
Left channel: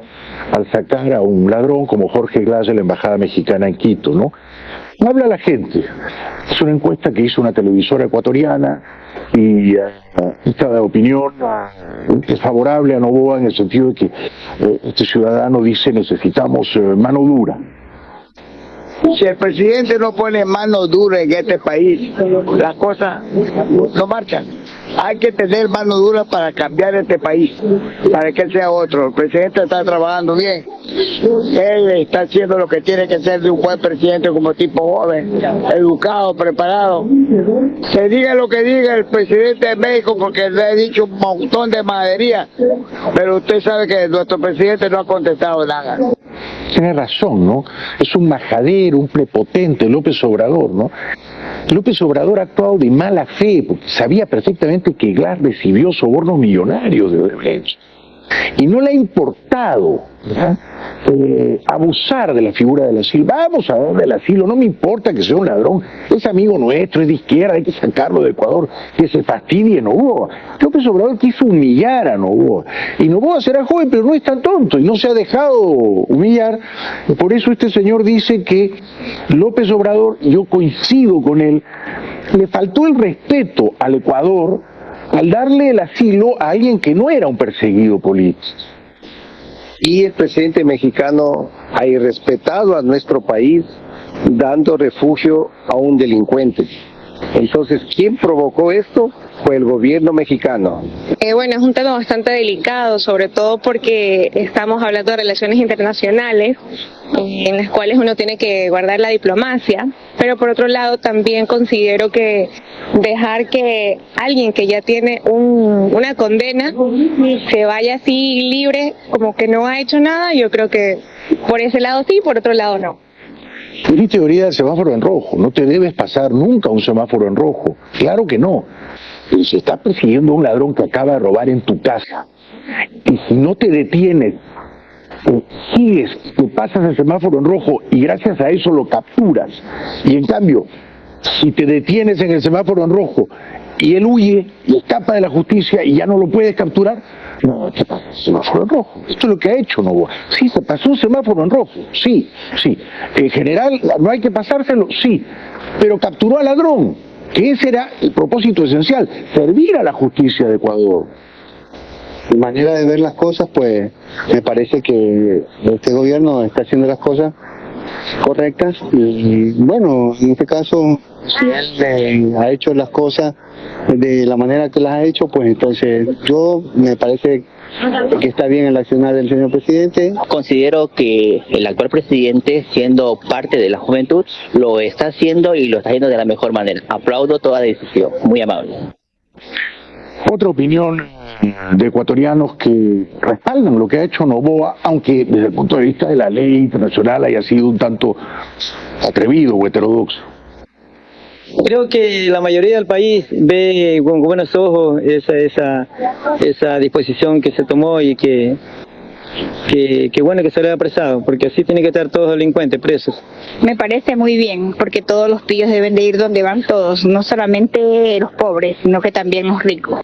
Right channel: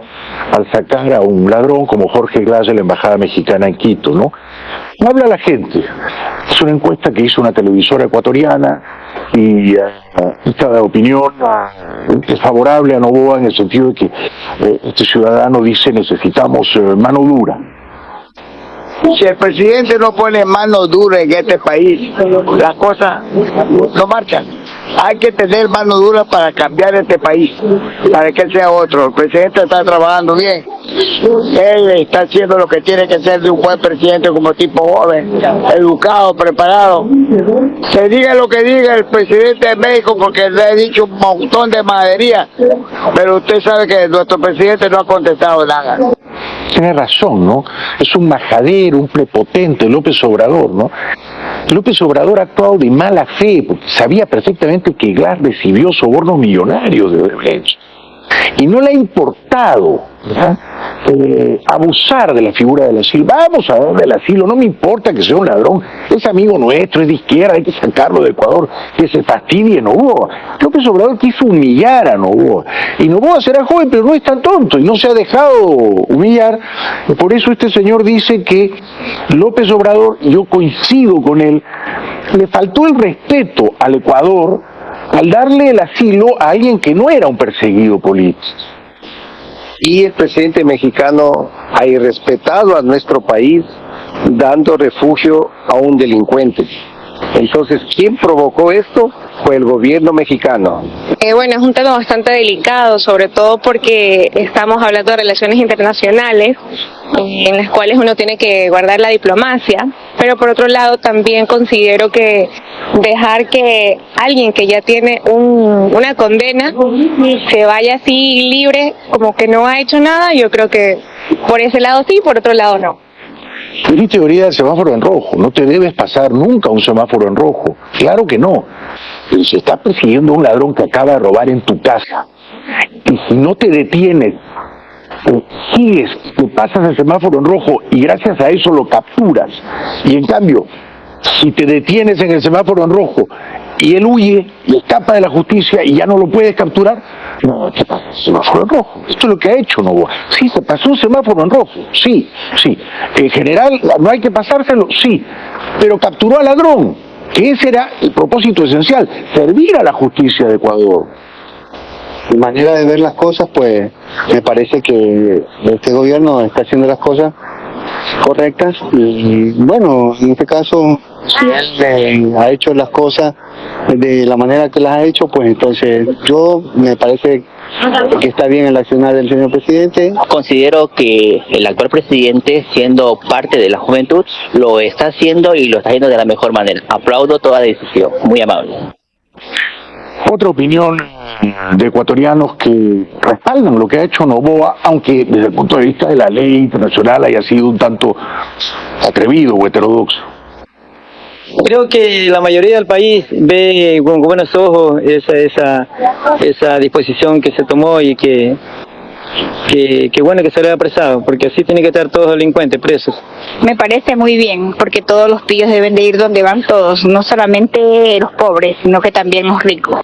al sacar a un ladrón como Jorge Glass de la embajada mexicana en Quito, ¿no? Habla la gente. Es una encuesta que hizo una televisora ecuatoriana y esta opinión es favorable a Noboa en el sentido de que este ciudadano dice: necesitamos mano dura. Si el presidente no pone mano dura en este país, las cosas no marchan. Hay que tener mano dura para cambiar este país, para que él sea otro. El presidente está trabajando bien. Él está haciendo lo que tiene que ser de un buen presidente, como tipo joven, educado, preparado. Se diga lo que diga el presidente de México, porque le he dicho un montón de majadería, pero usted sabe que nuestro presidente no ha contestado nada. Tiene razón, ¿no? Es un majadero, un prepotente, López Obrador, ¿no? López Obrador ha actuado de mala fe, porque sabía perfectamente que Glass recibió sobornos millonarios de Odebrecht. Y no le ha importado, ¿verdad?, abusar de la figura del asilo. Vamos a darle el asilo, no me importa que sea un ladrón, es amigo nuestro, es de izquierda, hay que sacarlo de Ecuador, que se fastidie Noboa. López Obrador quiso humillar a Noboa, y Noboa será joven, pero no es tan tonto, y no se ha dejado humillar. Por eso este señor dice que López Obrador, yo coincido con él, le faltó el respeto al Ecuador al darle el asilo a alguien que no era un perseguido político. Y el presidente mexicano ha irrespetado a nuestro país dando refugio a un delincuente. Entonces, ¿quién provocó esto? Fue el gobierno mexicano. Bueno, es un tema bastante delicado, sobre todo porque estamos hablando de relaciones internacionales en las cuales uno tiene que guardar la diplomacia, pero por otro lado también considero que dejar que alguien que ya tiene una condena se vaya así libre, como que no ha hecho nada, yo creo que por ese lado sí, por otro lado no. Mi teoría del semáforo en rojo, no te debes pasar nunca un semáforo en rojo, claro que no. Pero si estás persiguiendo a un ladrón que acaba de robar en tu casa, y si no te detienes, sigues, te pasas el semáforo en rojo y gracias a eso lo capturas, y en cambio, si te detienes en el semáforo en rojo y él huye y escapa de la justicia y ya no lo puedes capturar, no, te pasa el semáforo en rojo. Esto es lo que ha hecho Noboa. Sí, se pasó un semáforo en rojo, sí. En general, no hay que pasárselo, sí, pero capturó al ladrón, que ese era el propósito esencial, servir a la justicia de Ecuador. Mi manera de ver las cosas, pues, me parece que este gobierno está haciendo las cosas correctas y, bueno, en este caso, si él ha hecho las cosas de la manera que las ha hecho, pues entonces me parece que está bien el accionar del señor presidente. Considero que el actual presidente, siendo parte de la juventud, lo está haciendo y lo está haciendo de la mejor manera. Aplaudo toda decisión, muy amable. Otra opinión de ecuatorianos que respaldan lo que ha hecho Noboa, aunque desde el punto de vista de la ley internacional haya sido un tanto atrevido o heterodoxo. Creo que la mayoría del país ve con buenos ojos esa disposición que se tomó y que bueno que se le haya apresado, porque así tienen que estar todos los delincuentes presos. Me parece muy bien, porque todos los pillos deben de ir donde van todos, no solamente los pobres, sino que también los ricos.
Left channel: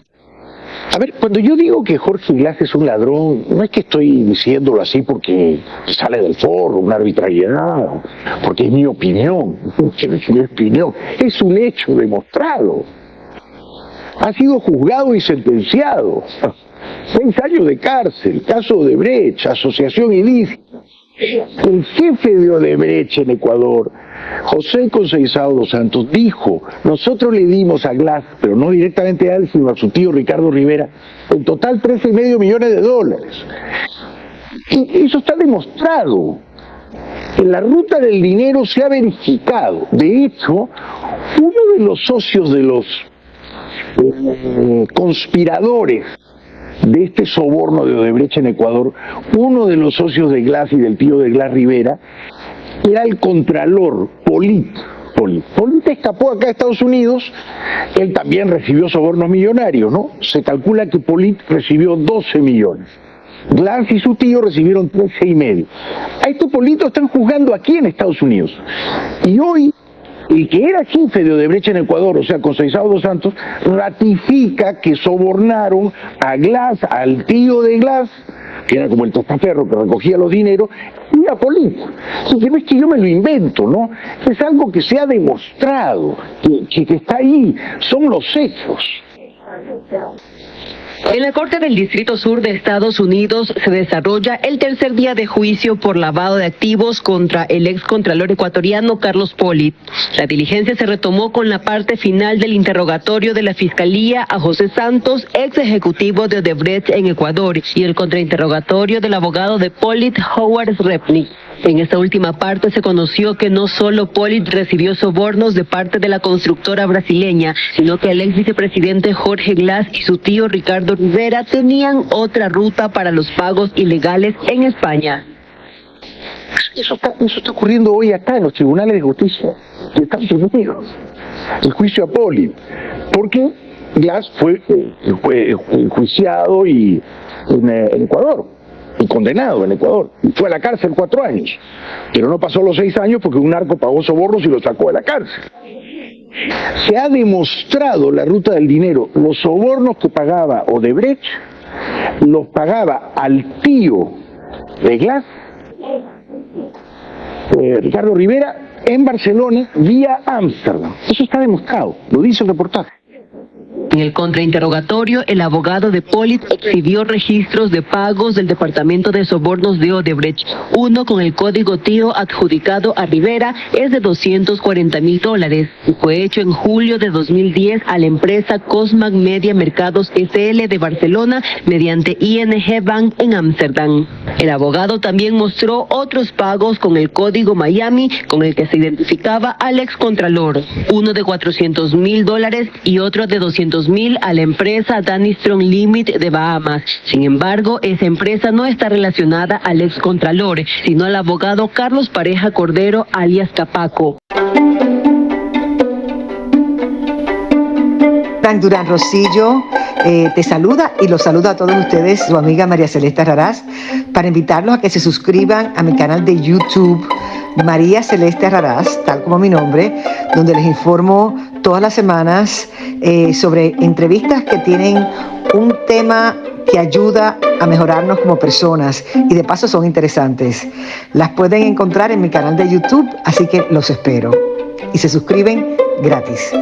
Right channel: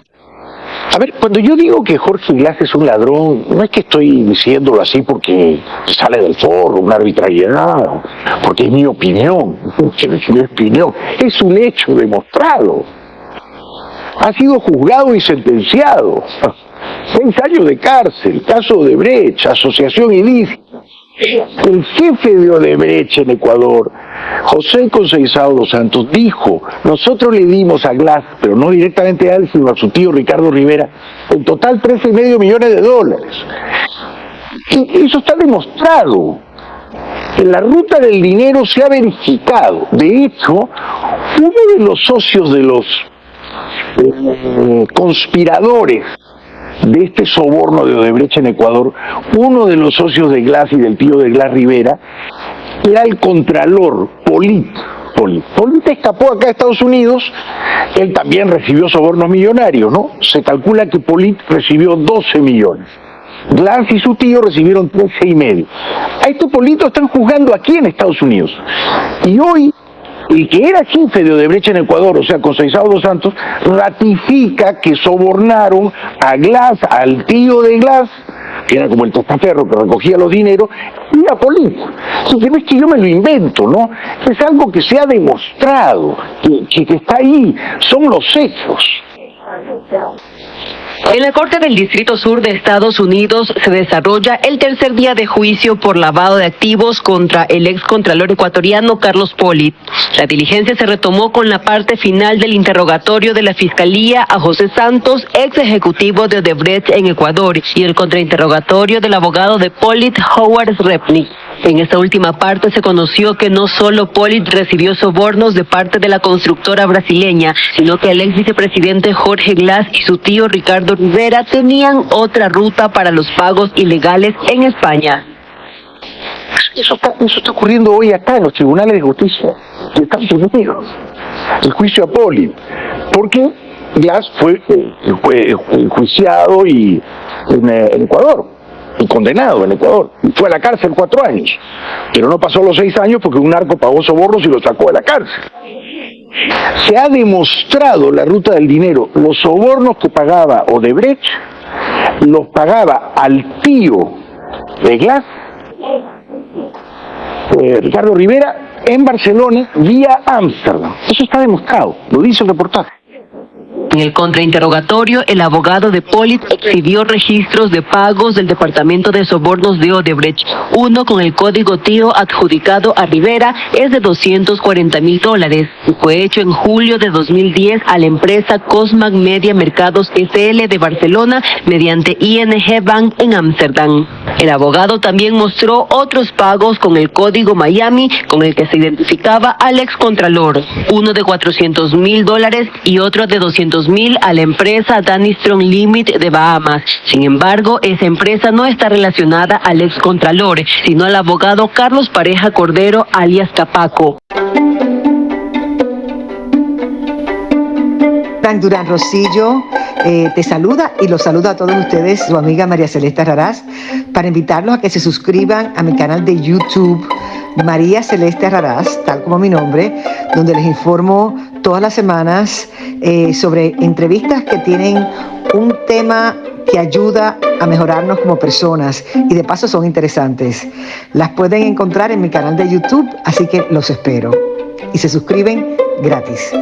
A ver, cuando yo digo que Jorge Glass es un ladrón, no es que estoy diciéndolo así porque sale del foro, una arbitrariedad, porque es mi opinión, es un hecho demostrado. Ha sido juzgado y sentenciado. 6 años de cárcel, caso de Odebrecht, asociación ilícita. El jefe de Odebrecht en Ecuador, José Conceizao dos Santos, dijo: nosotros le dimos a Glass, pero no directamente a él, sino a su tío Ricardo Rivera, en total $13,5 millones. Y eso está demostrado. En la ruta del dinero se ha verificado. De hecho, uno de los socios de los conspiradores de este soborno de Odebrecht en Ecuador, uno de los socios de Glass y del tío de Glass, Rivera, era el contralor Polit. Polit escapó acá a Estados Unidos, él también recibió sobornos millonarios, ¿no? Se calcula que Polit recibió 12 millones. Glass y su tío recibieron 13,5. A este Polit lo están juzgando aquí en Estados Unidos. Y hoy, el que era jefe de Odebrecht en Ecuador, o sea, Conceizao dos Santos, ratifica que sobornaron a Glass, al tío de Glass, que era como el testaferro que recogía los dineros, y a Polit. Así que no es que yo me lo invento, ¿no? Es algo que se ha demostrado, que está ahí, son los hechos. En la Corte del Distrito Sur de Estados Unidos se desarrolla el tercer día de juicio por lavado de activos contra el excontralor ecuatoriano Carlos Pollitt. La diligencia se retomó con la parte final del interrogatorio de la Fiscalía a José Santos, ex ejecutivo de Odebrecht en Ecuador, y el contrainterrogatorio del abogado de Pollitt, Howard Repnick. En esta última parte se conoció que no solo Pollitt recibió sobornos de parte de la constructora brasileña, sino que el ex vicepresidente Jorge Glass y su tío Ricardo Rivera tenían otra ruta para los pagos ilegales en España. Eso está ocurriendo hoy acá en los tribunales de justicia de Estados Unidos. El juicio a Pollitt. Porque Glass fue enjuiciado en Ecuador. Y condenado en Ecuador, y fue a la cárcel 4 años, pero no pasó los 6 años porque un narco pagó sobornos y lo sacó de la cárcel. Se ha demostrado la ruta del dinero. Los sobornos que pagaba Odebrecht los pagaba al tío de Glass, Ricardo Rivera, en Barcelona vía Ámsterdam. Eso está demostrado, lo dice el reportaje. En el contrainterrogatorio, el abogado de Pollitt exhibió registros de pagos del Departamento de Sobornos de Odebrecht. Uno con el código TIO adjudicado a Rivera es de $240,000 y fue hecho en julio de 2010 a la empresa Cosmac Media Mercados SL de Barcelona mediante ING Bank en Ámsterdam. El abogado también mostró otros pagos con el código Miami con el que se identificaba al excontralor, uno de $400,000 y otro de $200,000 a la empresa Danny Strong Limit de Bahamas. Sin embargo, esa empresa no está relacionada al excontralor, sino al abogado Carlos Pareja Cordero, alias Capaco. Frank Durán Rosillo te saluda y los saluda a todos ustedes, su amiga María Celeste Raraz, para invitarlos a que se suscriban a mi canal de YouTube, María Celeste Raraz, tal como mi nombre, donde les informo todas las semanas sobre entrevistas que tienen un tema que ayuda a mejorarnos como personas y de paso son interesantes. Las pueden encontrar en mi canal de YouTube, así que los espero. Y se suscriben gratis.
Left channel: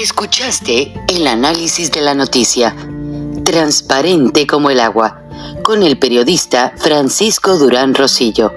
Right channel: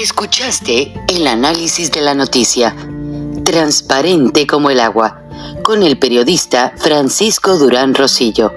Escuchaste el análisis de la noticia, transparente como el agua, con el periodista Francisco Durán Rosillo.